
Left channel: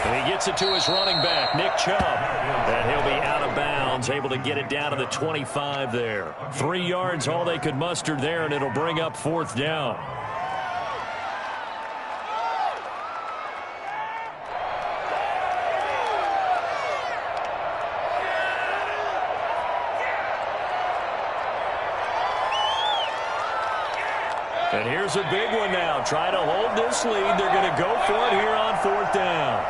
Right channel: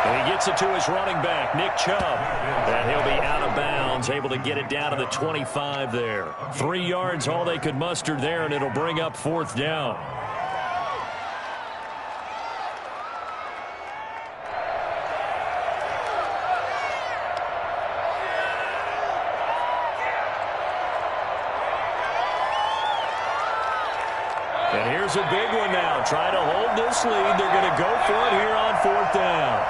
And he gets it to his running back, Nick Chubb. And he'll be out of bounds, able to get it down to the 25 there. 3 yards, all they could muster there, and it'll bring up 4th down. And here's a big one now. Trying to hold this lead. They're going to go for it here on 4th down.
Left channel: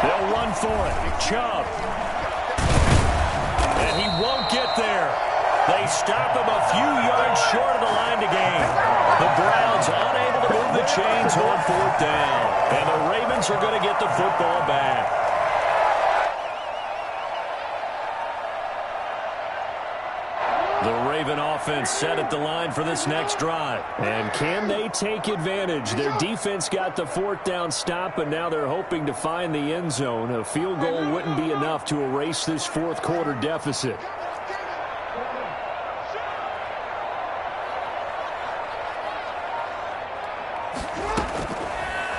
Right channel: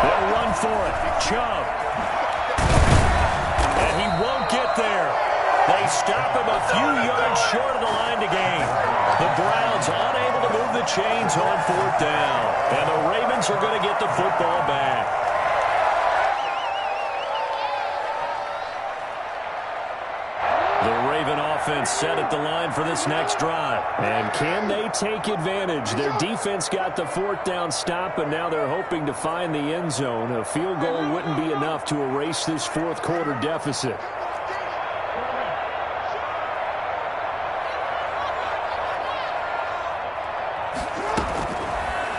They'll run for it. Chubb. And he won't get there. They stop him a few yards short of the line to gain. The Browns unable to move the chains on 4th down. And the Ravens are going to get the football back. The Raven offense set at the line for this next drive. And can they take advantage? Their defense got the 4th down stop, but now they're hoping to find the end zone. A field goal wouldn't be enough to erase this 4th quarter deficit.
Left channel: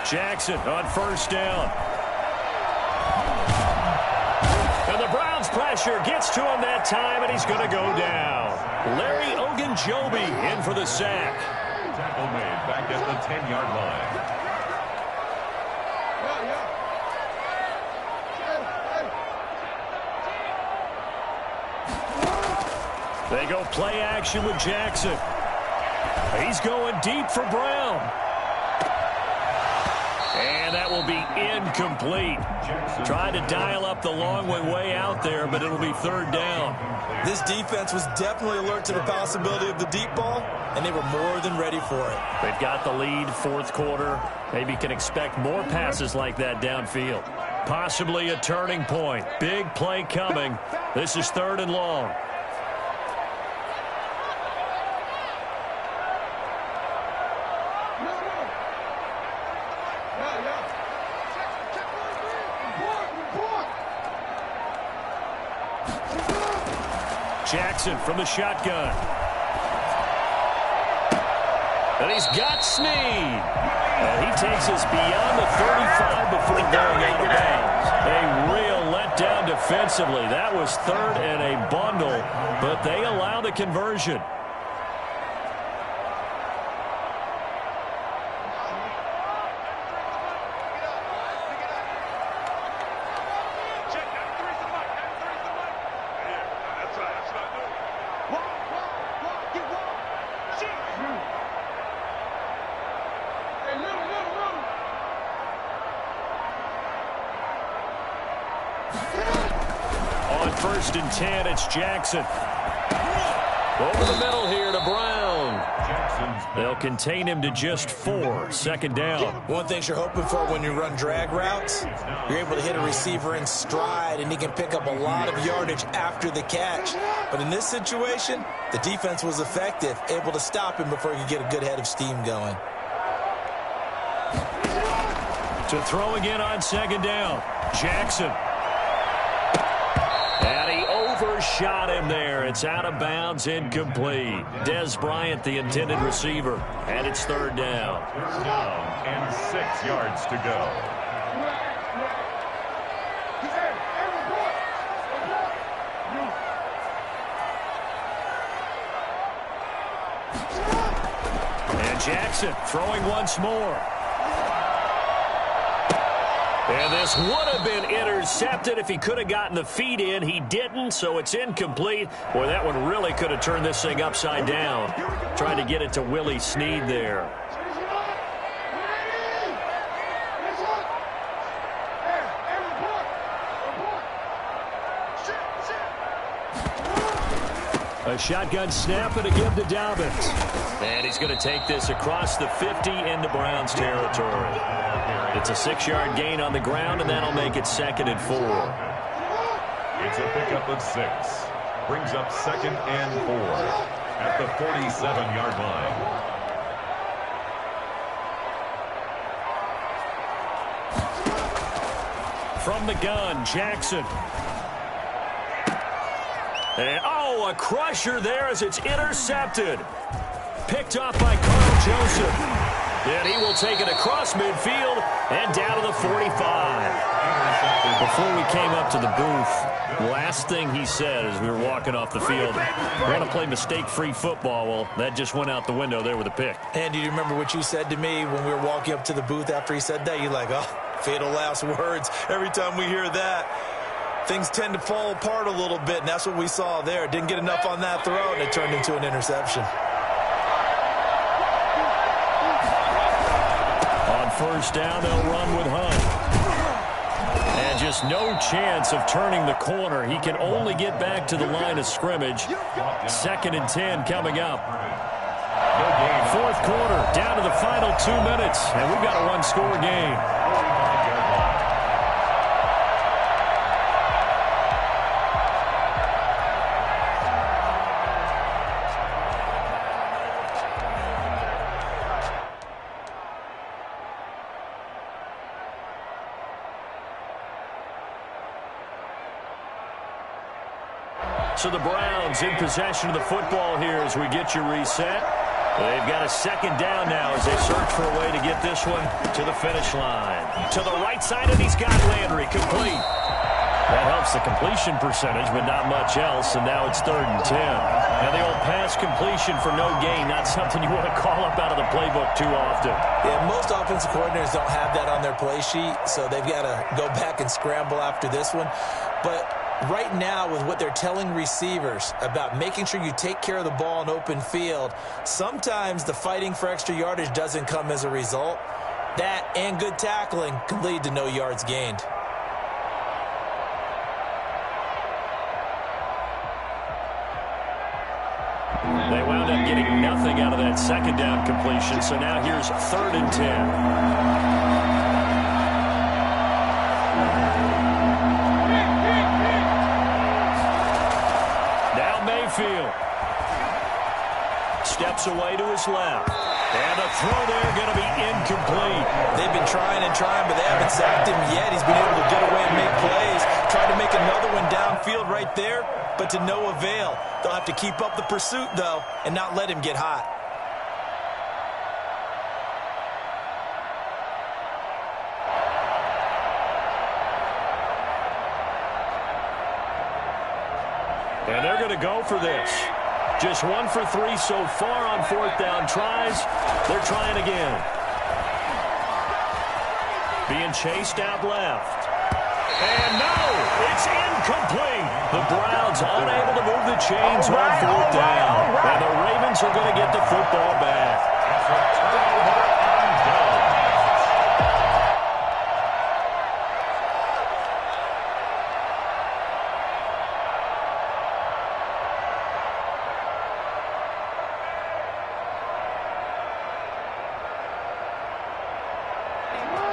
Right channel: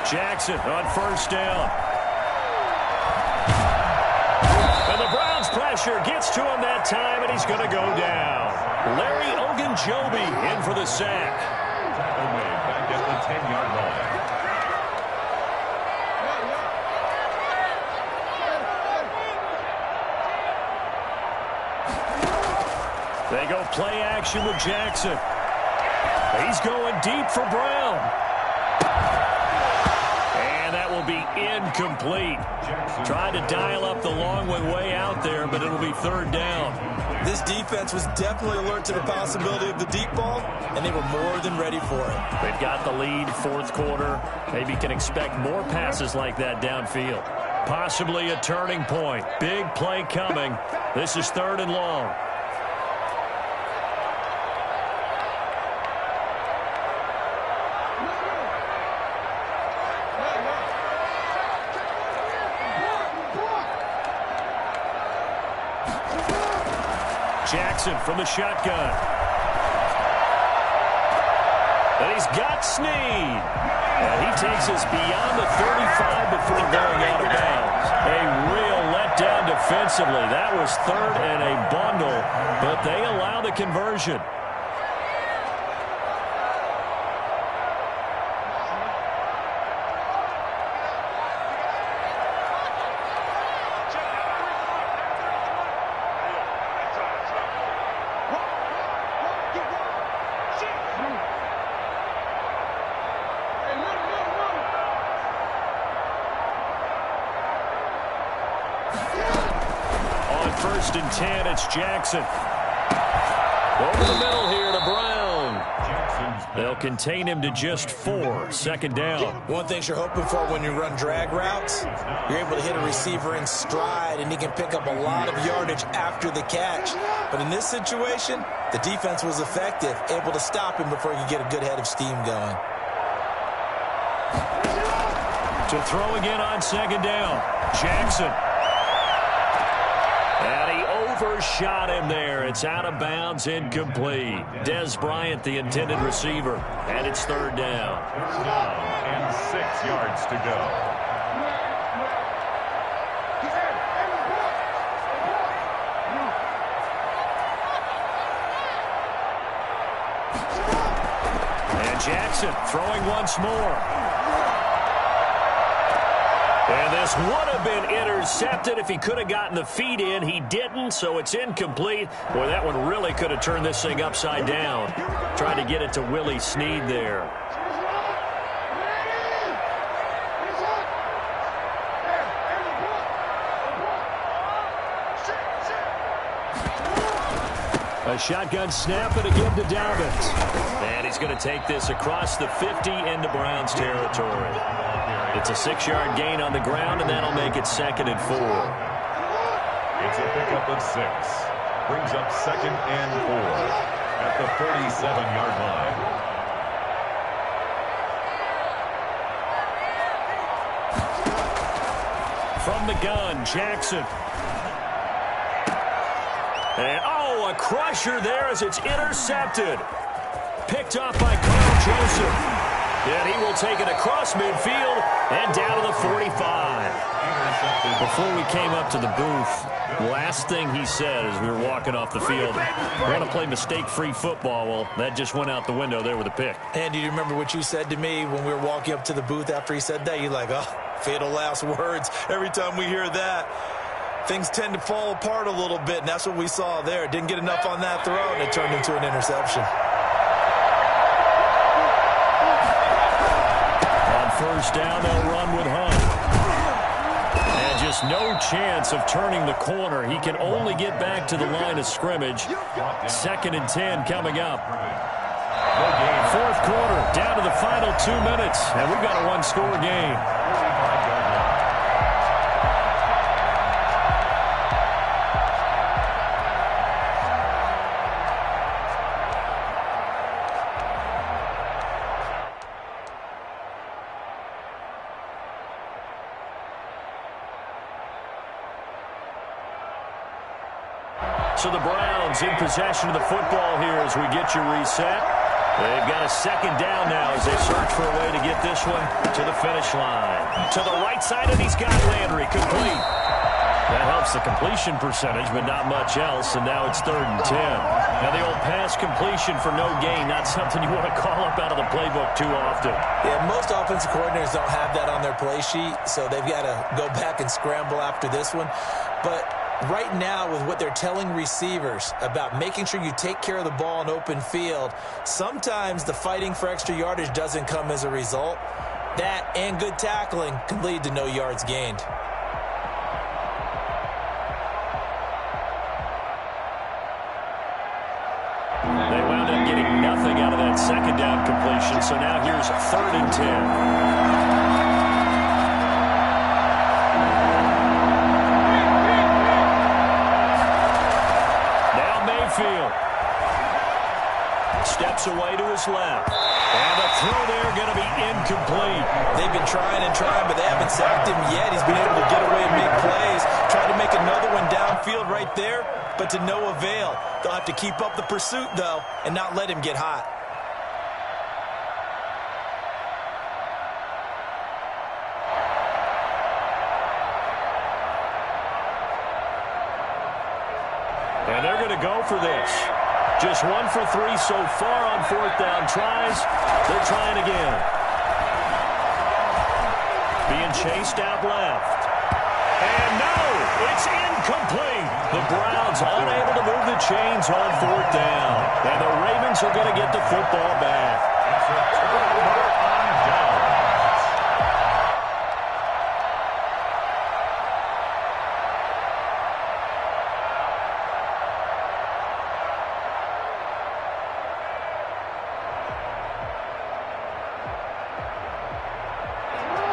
Jackson on 1st down. And the Browns pressure gets to him that time, and he's going to go down. Larry Ogunjobi in for the sack. Tackle made back at the 10-yard line. They go play action with Jackson. He's going deep for Brown. And that will be incomplete. Tried to dial up the long way out there, but it'll be 3rd down. This defense was definitely alert to the possibility of the deep ball, and they were more than ready for it. They've got the lead, 4th quarter. Maybe can expect more passes like that downfield. Possibly a turning point. Big play coming. This is 3rd and long. Jackson from the shotgun. And he's got Snead. And he takes us beyond the 35 before going out of bounds. A real letdown defensively. That was 3rd and a bundle, but they allow the conversion. first and 10. It's Jackson. Over the middle here to Brown. They'll contain him to just 4. Second down. One thing you're hoping for when you run drag routes, you're able to hit a receiver in stride, and he can pick up a lot of yardage after the catch. But in this situation, the defense was effective, able to stop him before he could get a good head of steam going. To throw again on second down. Jackson. And he overshot him there. It's out of bounds, incomplete. Des Bryant, the intended receiver. And it's third down. Third down and 6 yards to go. And Jackson throwing once more. And this would have been intercepted if he could have gotten the feet in. He didn't, so it's incomplete. Boy, that one really could have turned this thing upside down. Trying to get it to Willie Snead there. A shotgun snap and again to Dobbins. And he's going to take this across the 50 into Browns territory. It's a 6-yard gain on the ground, and that'll make it second and 4. It's a pickup of 6. Brings up second and 4 at the 47-yard line. From the gun, Jackson. And, oh, a crusher there as it's intercepted. Picked off by Carl Joseph. And he will take it across midfield and down to the 45. Before we came up to the booth, last thing he said as we were walking off the field, we're going to play mistake-free football. Well, that just went out the window there with a pick. And do you remember what you said to me when we were walking up to the booth after he said that? You're like, oh, fatal last words. Every time we hear that, things tend to fall apart a little bit, and that's what we saw there. Didn't get enough on that throw, and it turned into an interception. On first down, they'll run with Hunt. And just no chance of turning the corner. He can only get back to the line of scrimmage. Second and 10 coming up. Fourth quarter, down to the final 2 minutes, and we've got a one-score game. So the Browns in possession of the football here as we get you reset. They've got a second down now as they search for a way to get this one to the finish line. To the right side, and he's got Landry complete. That helps the completion percentage, but not much else, and now it's third and 10. Now the old pass completion for no gain, not something you want to call up out of the playbook too often. Yeah, most offensive coordinators don't have that on their play sheet, so they've got to go back and scramble after this one. But right now, with what they're telling receivers about making sure you take care of the ball in open field, sometimes the fighting for extra yardage doesn't come as a result. That and good tackling can lead to no yards gained. They wound up getting nothing out of that second down completion, so now here's third and 10. Now Mayfield steps away to his left. And a throw there going to be incomplete. They've been trying and trying, but they haven't sacked him yet. He's been able to get away and make plays. Tried to make another one downfield right there, but to no avail. They'll have to keep up the pursuit, though, and not let him get hot. And they're going to go for this. Just 1 for 3 so far on fourth down tries. They're trying again. Being chased out left. And no, it's incomplete. The Browns unable to move the chains on fourth down. And the Ravens are going to get the football back. It's a turnover on downs.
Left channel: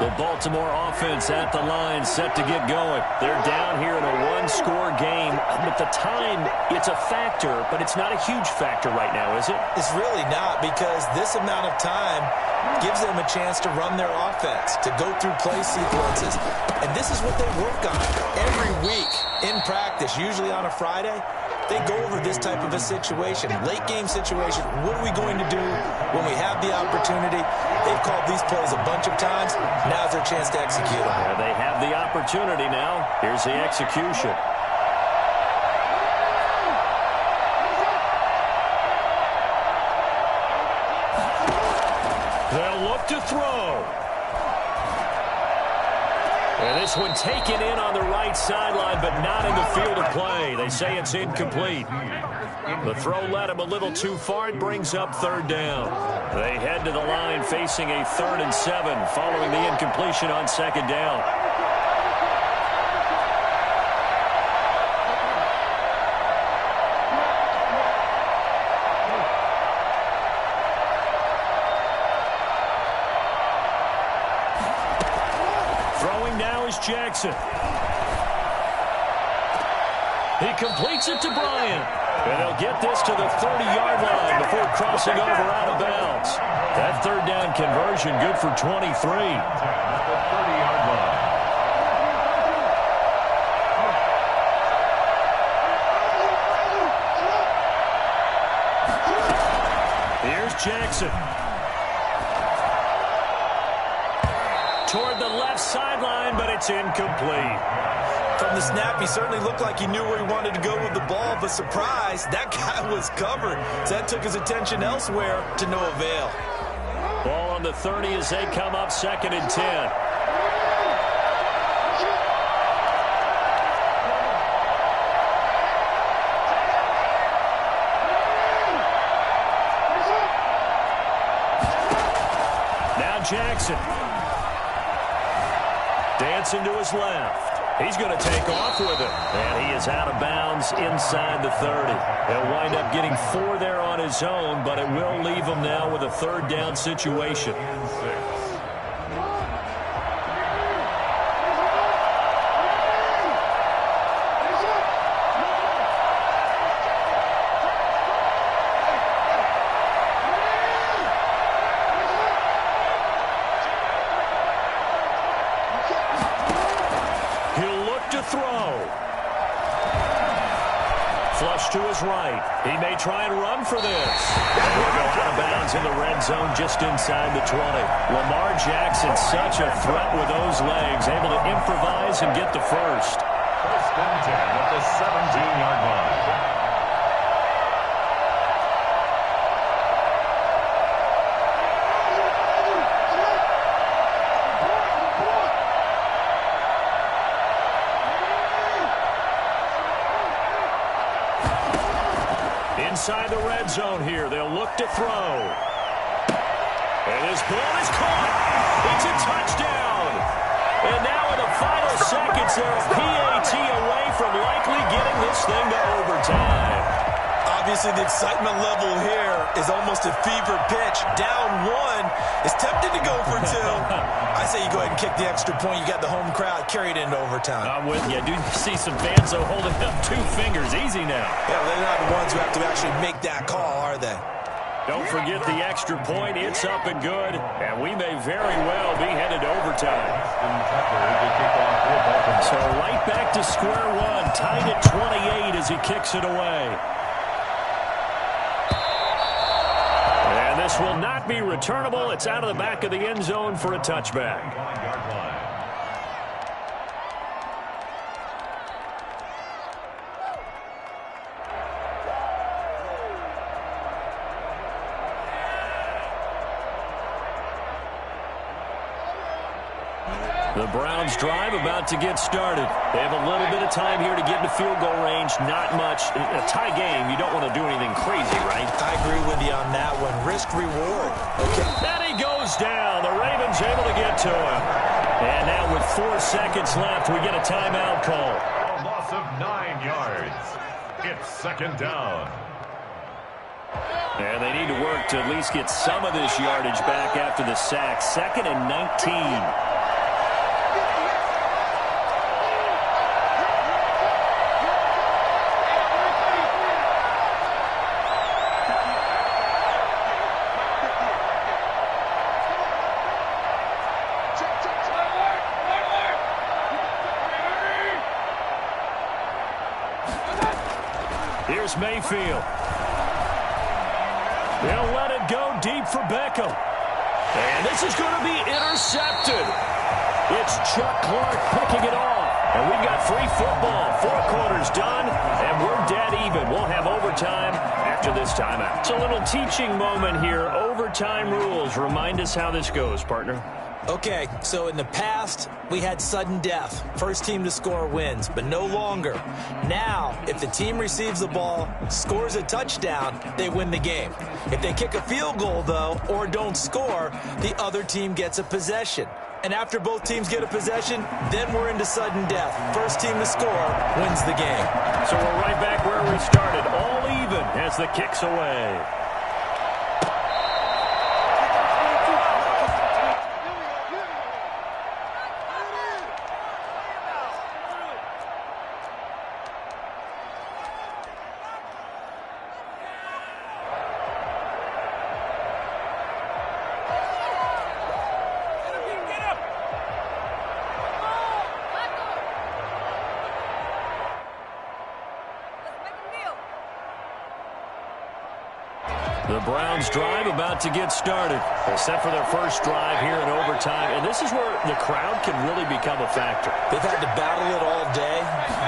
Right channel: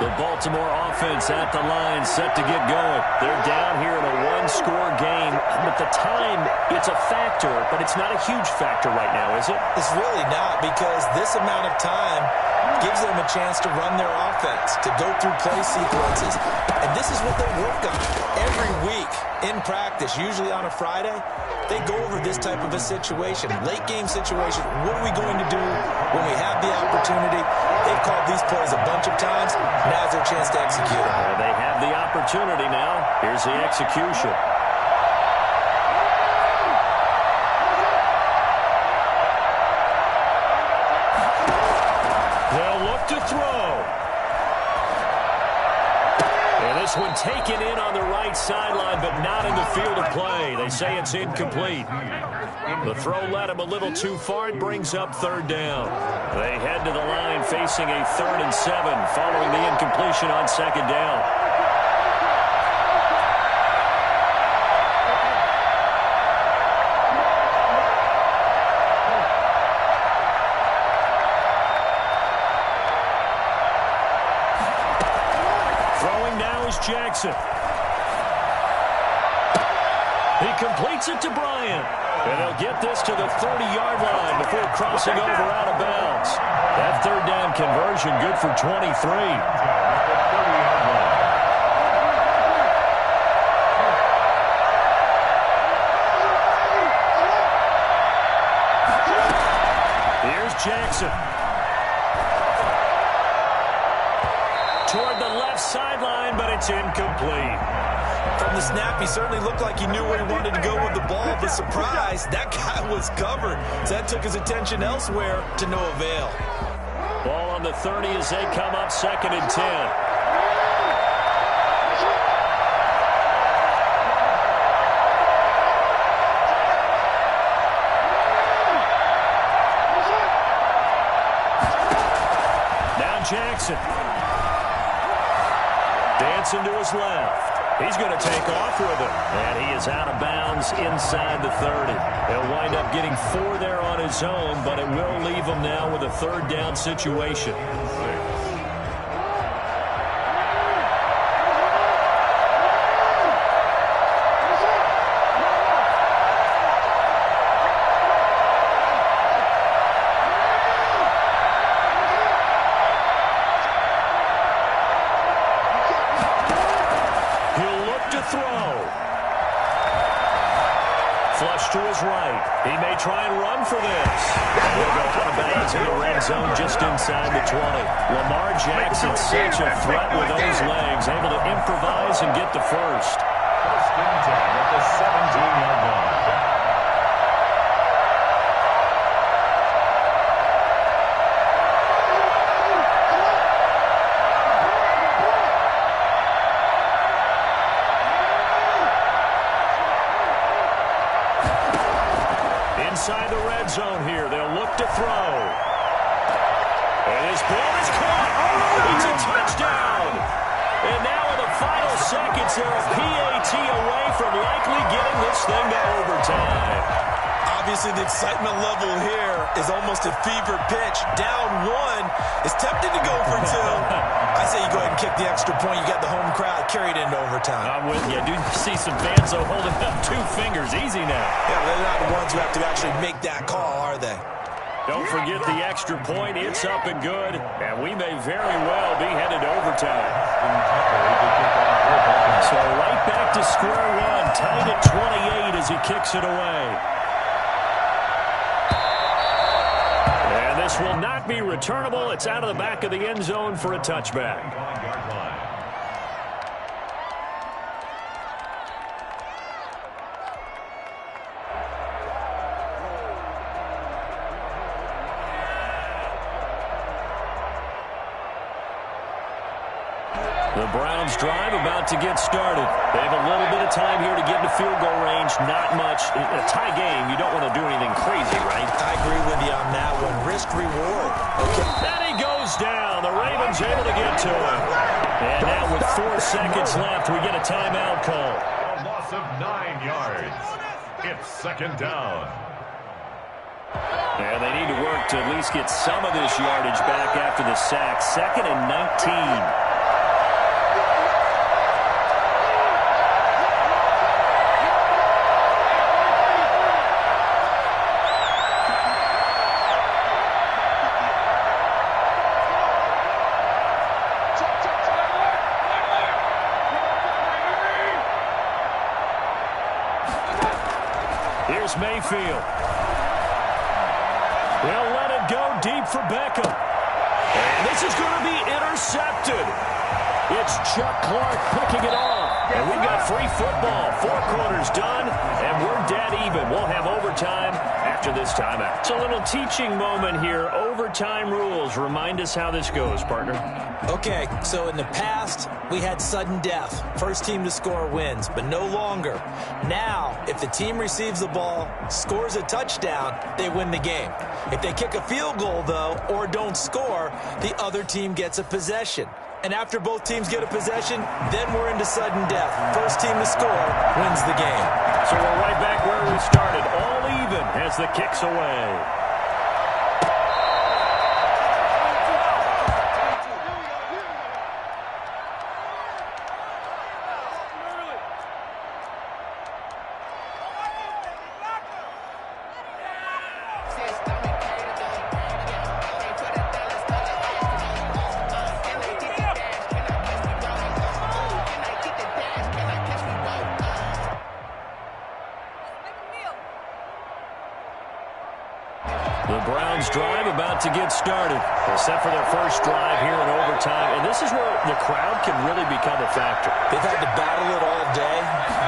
The Baltimore offense at the line, set to get going. They're down here in a one-score game. At the time, it's a factor, but it's not a huge factor right now, is it? It's really not, because this amount of time gives them a chance to run their offense, to go through play sequences. And this is what they work on every week in practice, usually on a Friday. They go over this type of a situation, late game situation. What are we going to do when we have the opportunity? They've called these plays a bunch of times. Now's their chance to execute them. Yeah, they have the opportunity now. Here's the execution. They'll look to throw. And this one taken in on the right sideline, but not in the field of play. They say it's incomplete. The throw led him a little too far. It brings up third down. They head to the line facing a 3rd and 7 following the incompletion on second down. Throwing now is Jackson. He completes it to Bryant. And they'll get this to the 30-yard line before crossing over out of bounds. That third down conversion good for 23. At the 30-yard line. Here's Jackson. Toward the left sideline, but it's incomplete. From the snap, he certainly looked like he knew where he wanted to go with the ball, but surprise, that guy was covered. So that took his attention elsewhere to no avail. Ball on the 30 as they come up 2nd and 10. Now Jackson. Dancing to his left. He's going to take off with it. And he is out of bounds inside the 30. He'll wind up getting 4 there on his own, but it will leave him now with a third down situation. Flush to his right. He may try and run for this. And he'll go out of bounds in the red zone just inside the 20. Lamar Jackson, such a threat with those legs, able to improvise and get the first. 1st and 10 at the 17-yard line. Inside the red zone here. They'll look to throw. And his ball is caught. It's a touchdown. And now in the final seconds, they're a PAT away from likely getting this thing to overtime. Obviously, the excitement level here is almost a fever pitch. Down 1 is tempted to go for 2. I say you go ahead and kick the extra point. You got the home crowd carried into overtime. I'm with you. I do see some fans, though, holding up 2 fingers. Easy now. Yeah, they're not the ones who have to actually make that call, are they? Don't forget the extra point. It's up and good. And we may very well be headed to overtime. So right back to square one. Tied at 28 as he kicks it away. And this will not be returnable. It's out of the back of the end zone for a touchback. The Browns drive about to get started. They have a little bit of time here to get into field goal range. Not much. In a tie game, you don't want to do anything crazy, right? I agree with you on that one. Risk reward. Okay. And he goes down. The Ravens able to get to him. And now with 4 seconds left, we get a timeout call. A loss of 9 yards. It's 2nd down. And they need to work to at least get some of this yardage back after the sack. 2nd and 19. Here's Mayfield. They'll let it go deep for Beckham. And this is going to be intercepted. It's Chuck Clark picking it off. And we've got free football. 4 quarters done, and we're dead even. We'll have overtime after this timeout. It's a little teaching moment here. Overtime rules. Remind us how this goes, partner. Okay, so in the past, we had sudden death. First team to score wins, but no longer. Now, if the team receives the ball, scores a touchdown, they win the game. If they kick a field goal, though, or don't score, the other team gets a possession. And after both teams get a possession, then we're into sudden death. First team to score wins the game. So we're right back where we started, all even as the kick's away. The Browns drive about to get started. They're set for their first drive here in overtime, and this is where the crowd can really become a factor. They've had to battle it all day,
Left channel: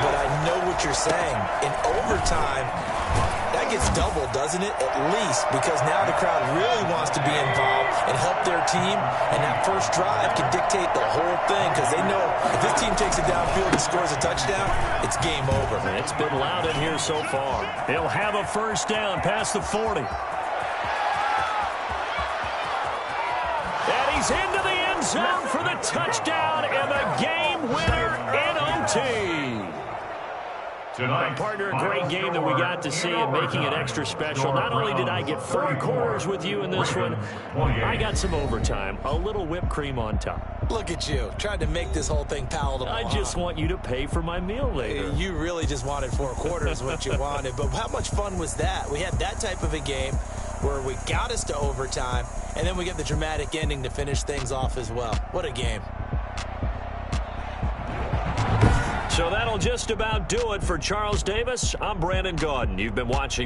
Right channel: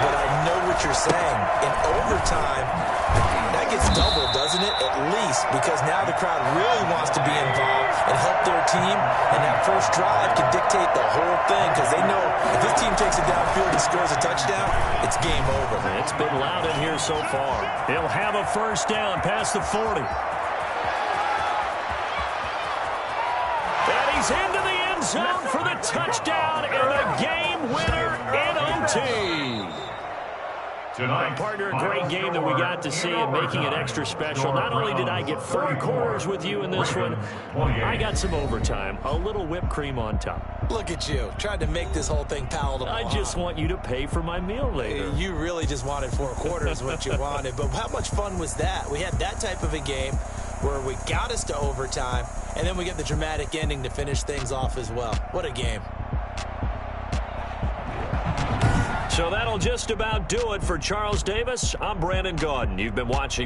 but I know what you're saying. In overtime, that gets doubled, doesn't it? At least, because now the crowd really wants to be involved and help their team, and that first drive can dictate the whole thing because they know if this team takes it downfield and scores a touchdown, it's game over. It's been loud in here so far. He'll have a first down past the 40. And he's into the end zone for the touchdown and the game winner in OT. Partner, a great game that we got to see and making it extra special. Not only did I get 4 quarters with you in this one, I got some overtime, a little whipped cream on top. Look at you, trying to make this whole thing palatable. I just want you to pay for my meal later. You really just wanted 4 quarters, what you wanted. But how much fun was that? We had that type of a game where we got us to overtime, and then we get the dramatic ending to finish things off as well. What a game. So that'll just about do it for Charles Davis. I'm Brandon Gaudin. You've been watching